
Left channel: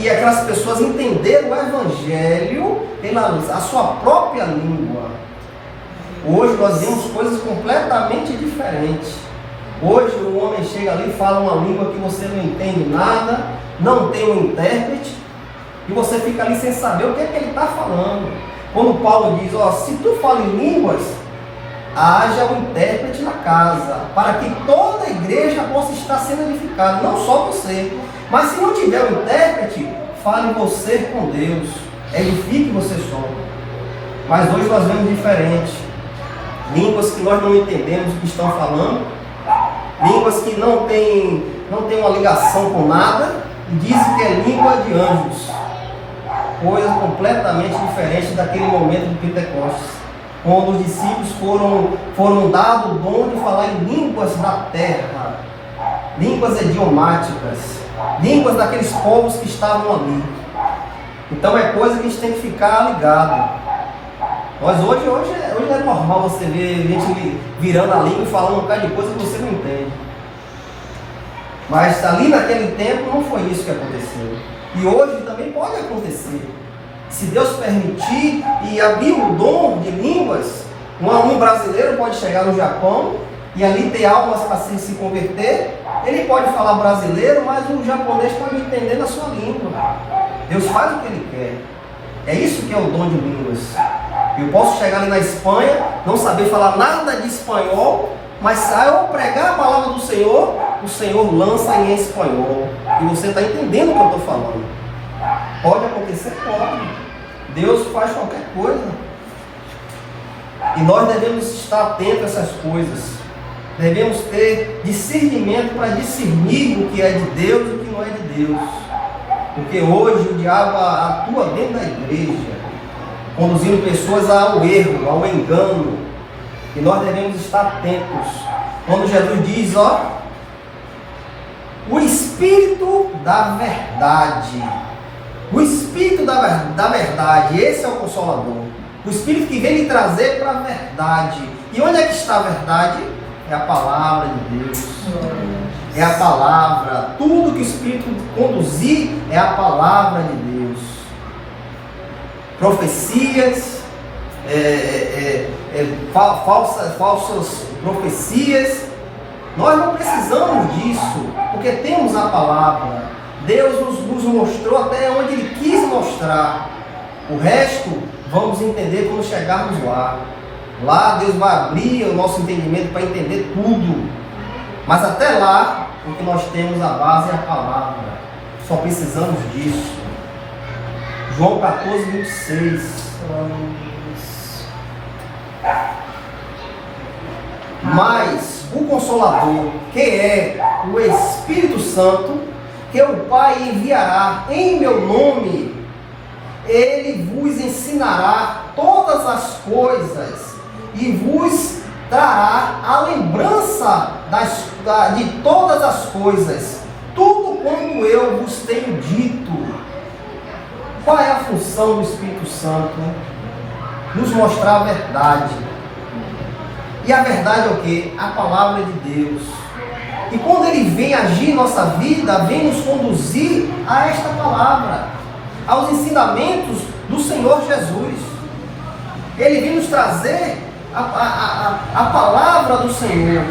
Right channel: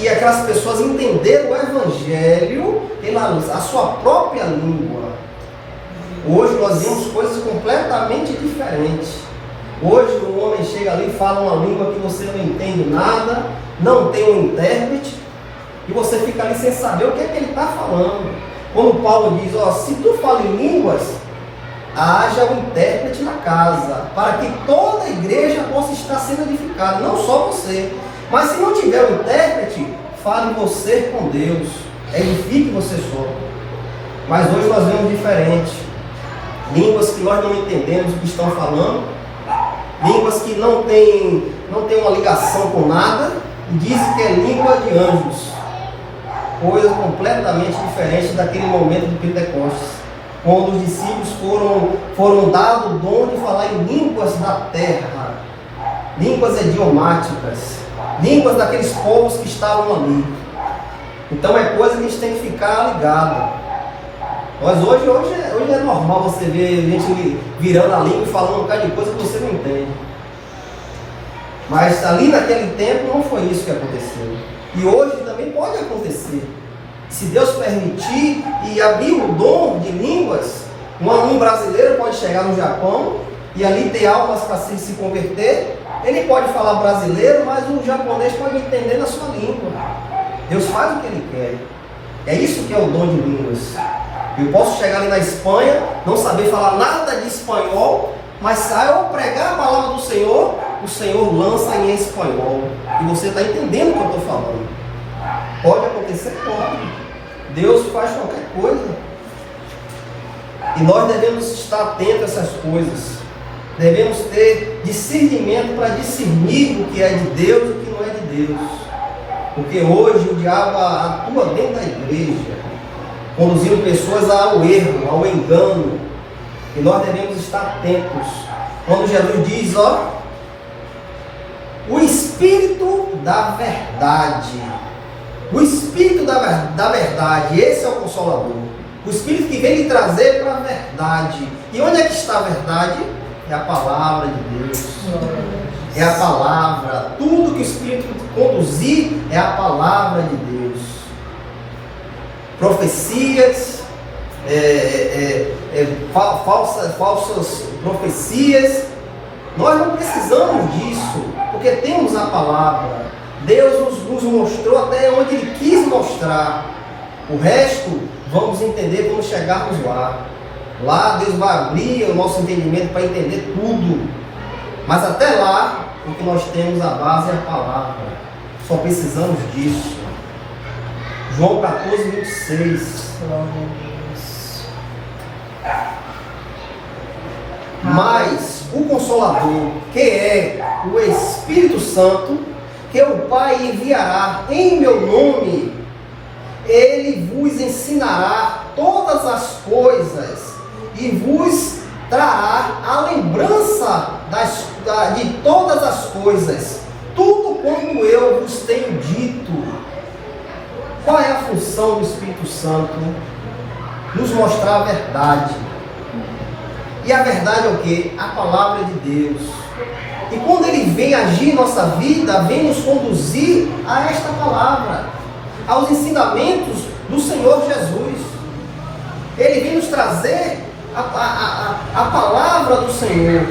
E aquelas pessoas entenderam o Evangelho pela a sua própria língua. Hoje nós vemos coisas completamente diferentes. Hoje o homem chega ali e fala uma língua que você não entende nada, não tem um intérprete, e você fica ali sem saber o que é que ele está falando. Quando Paulo diz: se tu fala em línguas, haja um intérprete na casa, para que toda a igreja possa estar sendo edificada, não só você. Mas se não tiver um intérprete, fale você com Deus, edifique você só. Mas hoje nós vemos diferente. Línguas que nós não entendemos o que estão falando, línguas que não tem uma ligação com nada, e dizem que é língua de anjos. Coisa completamente diferente daquele momento de Pentecostes, quando os discípulos foram dados o dom de falar em línguas da terra, línguas idiomáticas, línguas daqueles povos que estavam ali. Então é coisa que a gente tem que ficar ligado. Mas hoje é normal você ver gente virando a língua e falando um bocado de coisa que você não entende. Mas ali naquele tempo não foi isso que aconteceu. E hoje também pode acontecer. Se Deus permitir e abrir o dom de línguas, um aluno brasileiro pode chegar no Japão e ali ter almas para se converter. Ele pode falar brasileiro, mas o japonês pode entender na sua língua. Deus faz o que Ele quer. É isso que é o dom de línguas. Eu posso chegar ali na Espanha, não saber falar nada de espanhol, mas se eu pregar a palavra do Senhor, o Senhor lança em espanhol. E você está entendendo o que eu estou falando. Pode acontecer? Pode. Deus faz qualquer coisa. E nós devemos estar atentos a essas coisas. Devemos ter discernimento para discernir o que é de Deus e o que não é de Deus. Porque hoje o diabo atua dentro da igreja, conduzindo pessoas ao erro, ao engano. E nós devemos estar atentos. Quando Jesus diz, o Espírito da verdade. O Espírito da verdade, esse é o Consolador. O Espírito que vem lhe trazer para a verdade. E onde é que está a verdade? É a palavra de Deus. É a palavra. Tudo que o Espírito conduzir é a palavra de Deus. Profecias, falsas profecias. Nós não precisamos disso, porque temos a palavra. Deus nos mostrou até onde Ele quis mostrar. O resto, vamos entender quando chegarmos lá. Lá Deus vai abrir o nosso entendimento para entender tudo. Mas até lá, o que nós temos a base é a palavra. Só precisamos disso. João 14, 26. Mas o Consolador, que é o Espírito Santo, que o Pai enviará em meu nome, Ele vos ensinará todas as coisas e vos trará a lembrança de todas as coisas, tudo quanto eu vos tenho dito. Qual é a função do Espírito Santo? Nos mostrar a verdade. E a verdade é o quê? A palavra de Deus. E quando Ele vem agir em nossa vida, vem nos conduzir a esta palavra, aos ensinamentos do Senhor Jesus. Ele vem nos trazer a palavra do Senhor.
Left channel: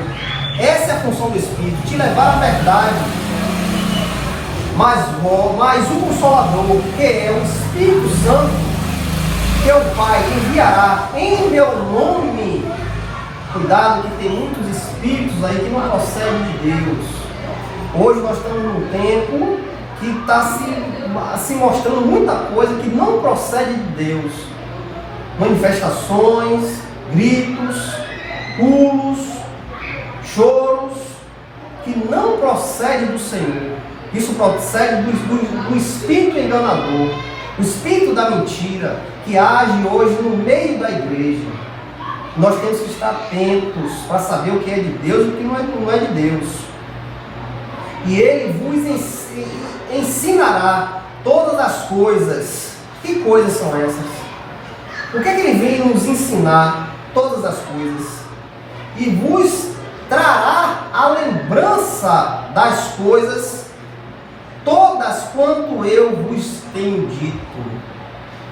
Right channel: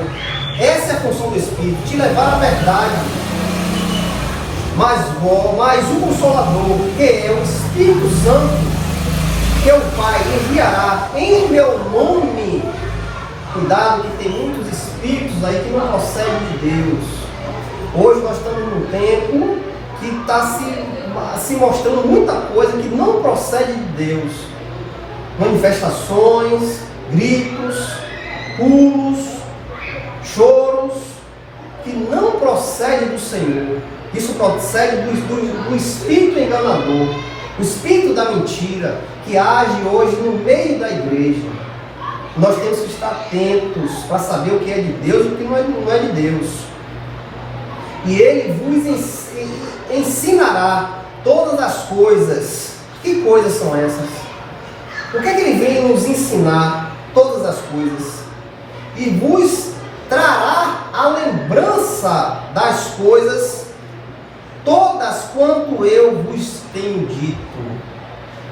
Essa é a função do Espírito, te levar à verdade. Mas o Consolador, que é o Espírito Santo, que o Pai enviará em meu nome. Cuidado que tem muitos espíritos aí que não procedem de Deus. Hoje nós estamos num tempo que está se mostrando muita coisa que não procede de Deus. Manifestações, gritos, pulos, choros, que não procede do Senhor. Isso procede do espírito enganador, o espírito da mentira, que age hoje no meio da igreja. Nós temos que estar atentos para saber o que é de Deus e o que não é de Deus. E Ele vos ensinará todas as coisas. Que coisas são essas? O que é que Ele vem nos ensinar? Todas as coisas. E vos trará a lembrança das coisas, todas quanto eu vos tenho dito.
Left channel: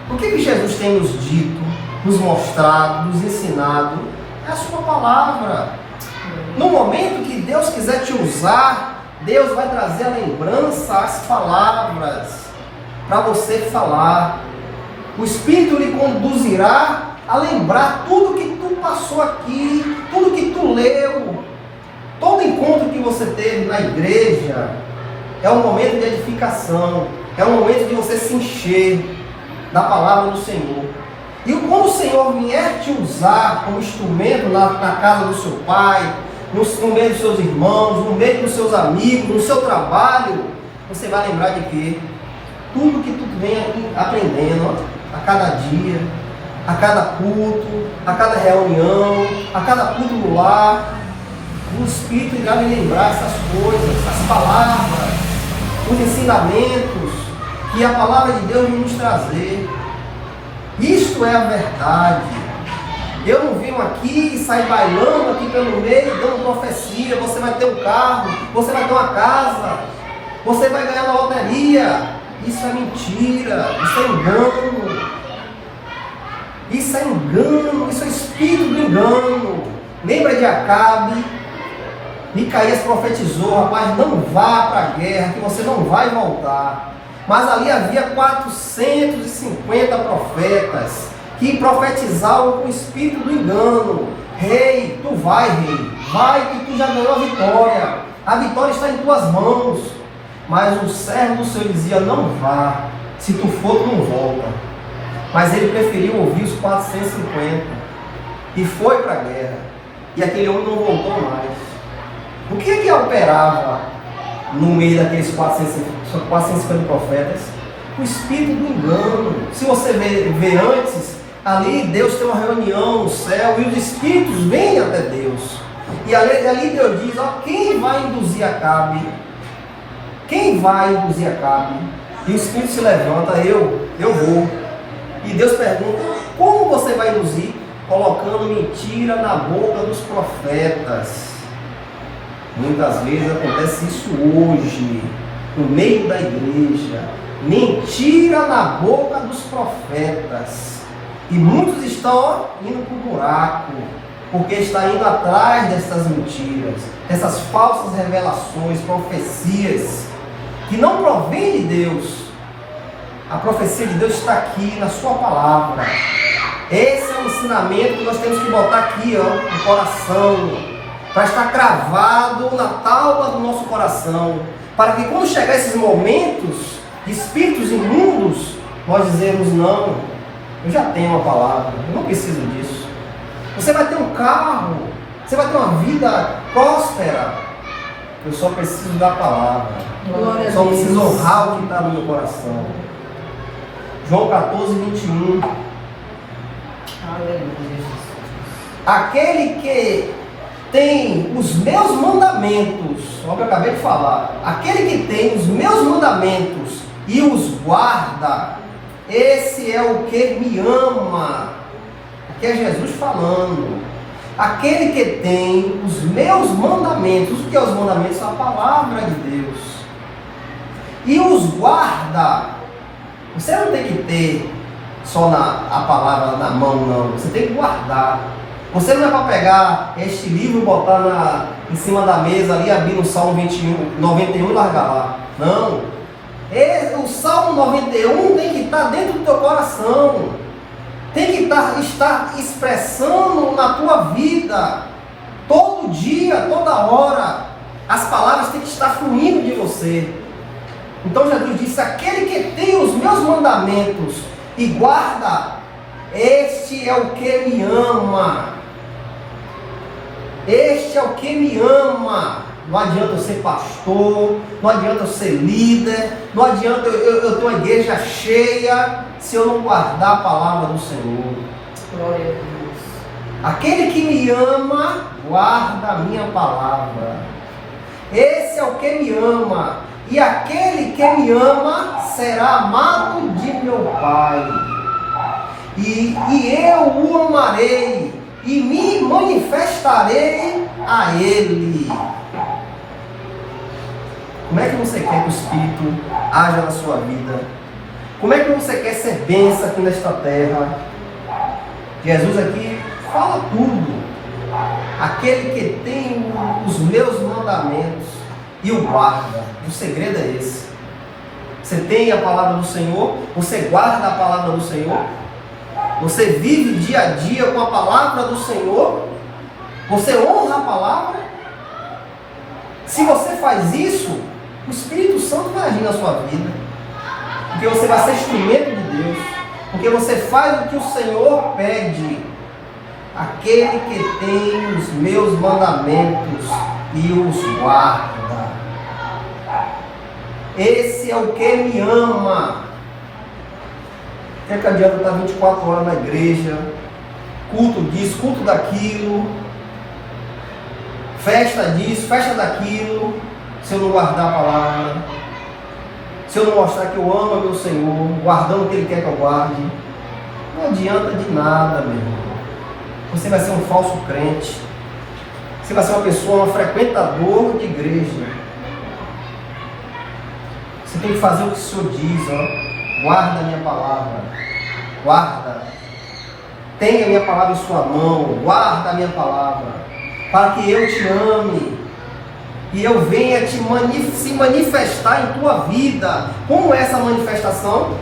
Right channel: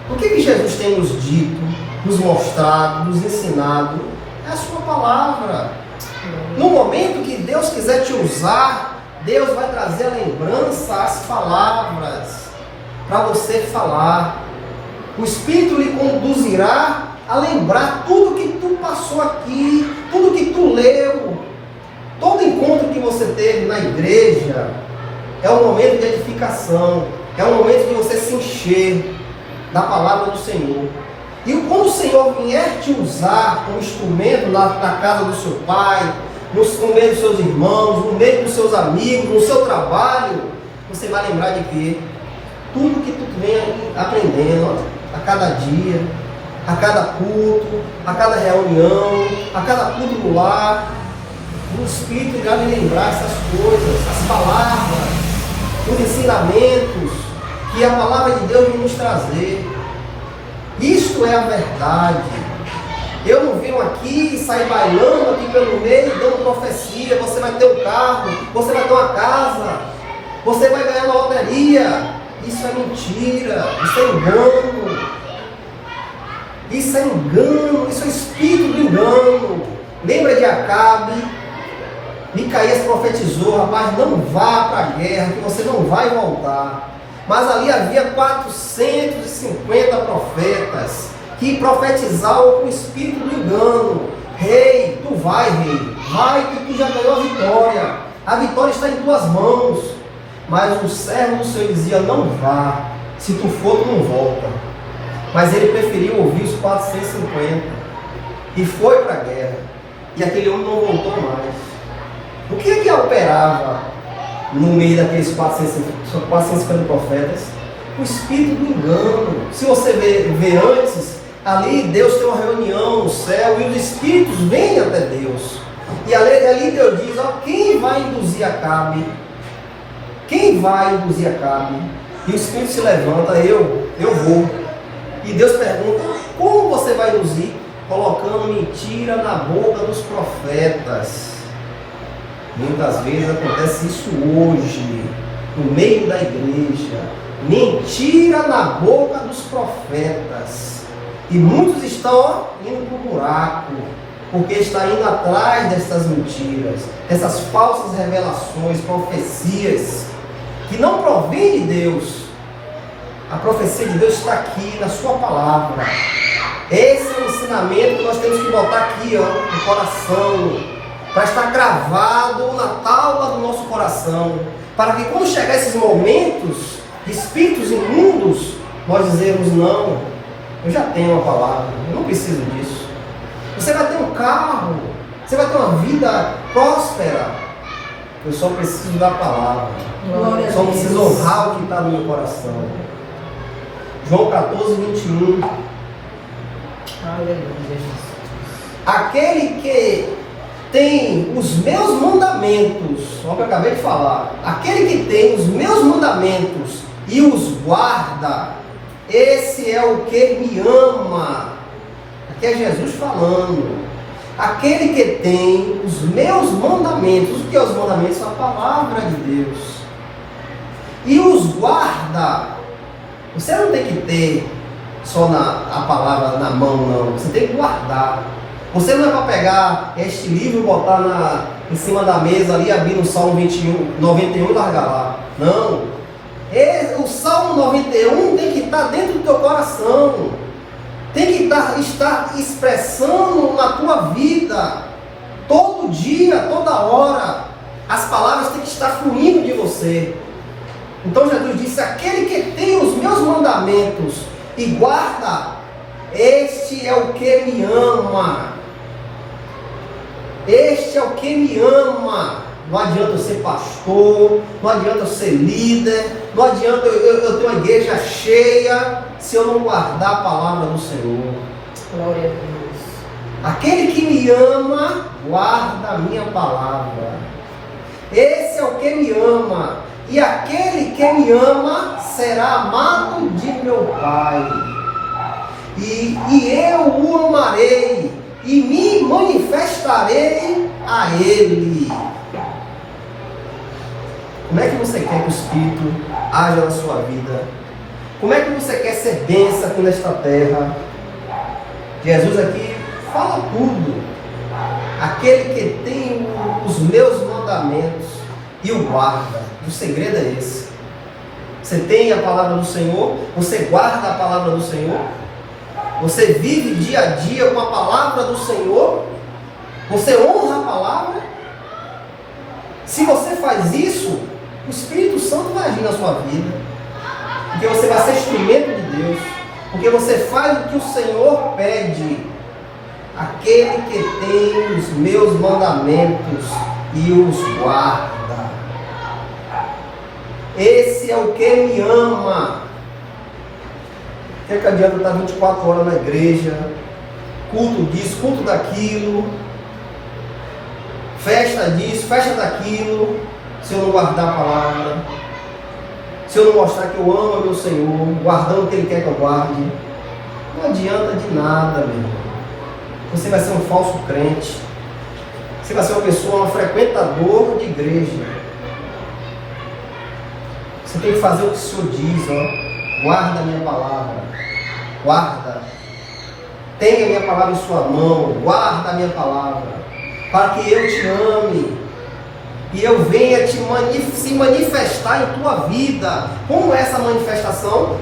O que Jesus tem nos dito, nos mostrado, nos ensinado? É a sua palavra. No momento que Deus quiser te usar, Deus vai trazer a lembrança, as palavras, para você falar. O Espírito lhe conduzirá a lembrar tudo que tu passou aqui, tudo que tu leu. Todo encontro que você teve na igreja é um momento de edificação, é um momento de você se encher da palavra do Senhor. E quando o Senhor vier te usar como instrumento na casa do seu pai, no meio dos seus irmãos, no meio dos seus amigos, no seu trabalho, você vai lembrar de que tudo que tu vem aprendendo a cada dia, a cada culto, a cada reunião, a cada culto no lar, o Espírito irá me lembrar essas coisas, as palavras, os ensinamentos que a palavra de Deus vai nos trazer. Isto é a verdade. Eu não venho aqui e sair bailando aqui pelo meio, dando profecia. Você vai ter um carro, você vai ter uma casa, você vai ganhar na loteria. Isso é mentira, isso é engano. Isso é engano, isso é espírito do engano. Lembra de Acabe? Micaías profetizou: rapaz, não vá para a guerra, que você não vai voltar. Mas ali havia 450 profetas que profetizavam com o espírito do engano. Rei, tu vai, rei, vai que tu já ganhou a vitória. A vitória está em tuas mãos. Mas o servo do Senhor dizia: não vá, se tu for, tu não volta. Mas ele preferiu ouvir os 450 e foi para a guerra. E aquele homem não voltou mais. O que ele operava no meio daqueles 450 profetas? O espírito do engano. Se você vê antes, ali Deus tem uma reunião no céu e os espíritos vêm até Deus. E ali Deus diz: ó, quem vai induzir Acabe? Quem vai induzir Acabe? E o espírito se levanta: eu vou. E Deus pergunta: como você vai induzir? Colocando mentira na boca dos profetas. Muitas vezes acontece isso hoje, no meio da igreja. Mentira na boca dos profetas. E muitos estão indo para o buraco, porque está indo atrás dessas mentiras, dessas falsas revelações, profecias, que não provém de Deus. A profecia de Deus está aqui na sua palavra. Esse é o ensinamento que nós temos que botar aqui, ó, no coração, para estar cravado na tábua do nosso coração, para que quando chegar esses momentos de espíritos imundos, nós dizemos: não, eu já tenho a palavra, eu não preciso disso. Você vai ter um carro, você vai ter uma vida próspera. Eu só preciso da palavra. Só preciso honrar o que está no meu coração. João 14, 21. Aleluia. Aquele que tem os meus mandamentos, olha o que eu acabei de falar, aquele que tem os meus mandamentos e os guarda, esse é o que me ama. Aqui é Jesus falando. Aquele que tem os meus mandamentos, o que é os mandamentos? A palavra de Deus. E os guarda. Você não tem que ter só a palavra na mão, não. Você tem que guardar. Você não é para pegar este livro e botar em cima da mesa ali, abrir no Salmo 91 e largar lá. Não. O Salmo 91 tem que estar dentro do teu coração. Tem que estar expressando na tua vida. Todo dia, toda hora. As palavras têm que estar fluindo de você. Então Jesus disse: aquele que tem os meus mandamentos e guarda, este é o que me ama. Este é o que me ama. Não adianta eu ser pastor, não adianta eu ser líder, não adianta eu ter uma igreja cheia se eu não guardar a palavra do Senhor. Glória a Deus. Aquele que me ama, guarda a minha palavra. Esse é o que me ama. E aquele que me ama será amado de meu Pai. E eu o amarei e me manifestarei a Ele. Como é que você quer que o Espírito haja na sua vida? Como é que você quer ser bênção aqui nesta terra? Jesus aqui fala tudo. Aquele que tem os meus mandamentos e o guarda. O segredo é esse. Você tem a palavra do Senhor? Você guarda a palavra do Senhor? Você vive dia a dia com a palavra do Senhor? Você honra a palavra? Se você faz isso, o Espírito Santo vai agir na sua vida. Porque você vai ser instrumento de Deus. Porque você faz o que o Senhor pede. Aquele que tem os meus mandamentos e os guarda. Esse é o que me ama. O que adianta estar 24 horas na igreja, culto disso, culto daquilo, festa disso, festa daquilo, se eu não guardar a palavra, se eu não mostrar que eu amo meu Senhor, guardando o que Ele quer que eu guarde? Não adianta de nada, meu irmão. você vai ser um falso crente. Você vai ser uma pessoa, um frequentador de igreja. Você tem que fazer o que o Senhor diz, ó. Guarda a minha palavra. Guarda. Tenha a minha palavra em sua mão. Guarda a minha palavra. Para que eu te ame. E eu venha se manifestar em tua vida. Como é essa manifestação?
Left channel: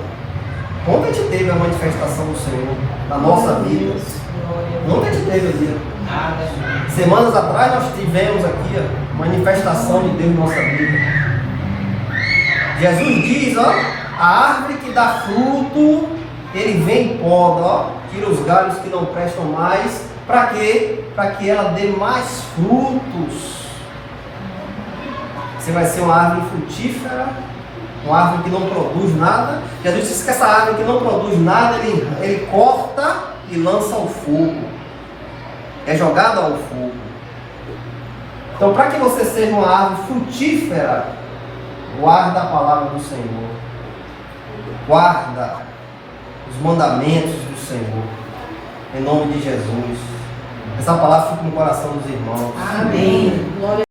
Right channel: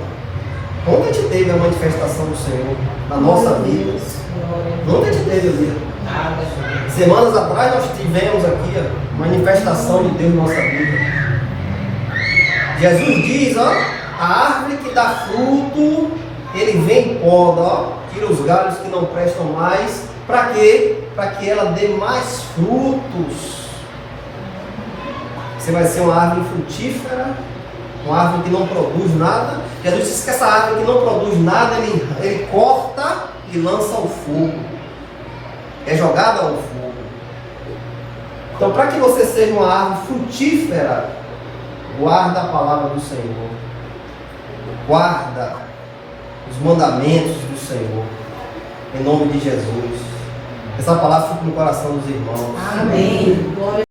Ontem a gente teve a manifestação do Senhor na nossa vida. Ontem a gente teve ali. Semanas atrás nós tivemos aqui a manifestação de Deus na nossa vida. Jesus diz, ó, a árvore que dá fruto, ele vem e poda, ó, tira os galhos que não prestam mais. Para quê? Para que ela dê mais frutos. Você vai ser uma árvore frutífera, uma árvore que não produz nada. Jesus disse que essa árvore que não produz nada, ele corta e lança ao fogo. É jogada ao fogo. Então, para que você seja uma árvore frutífera, guarda a palavra do Senhor. Guarda os mandamentos do Senhor. Em nome de Jesus. Essa palavra fica no coração dos irmãos. Amém. Glória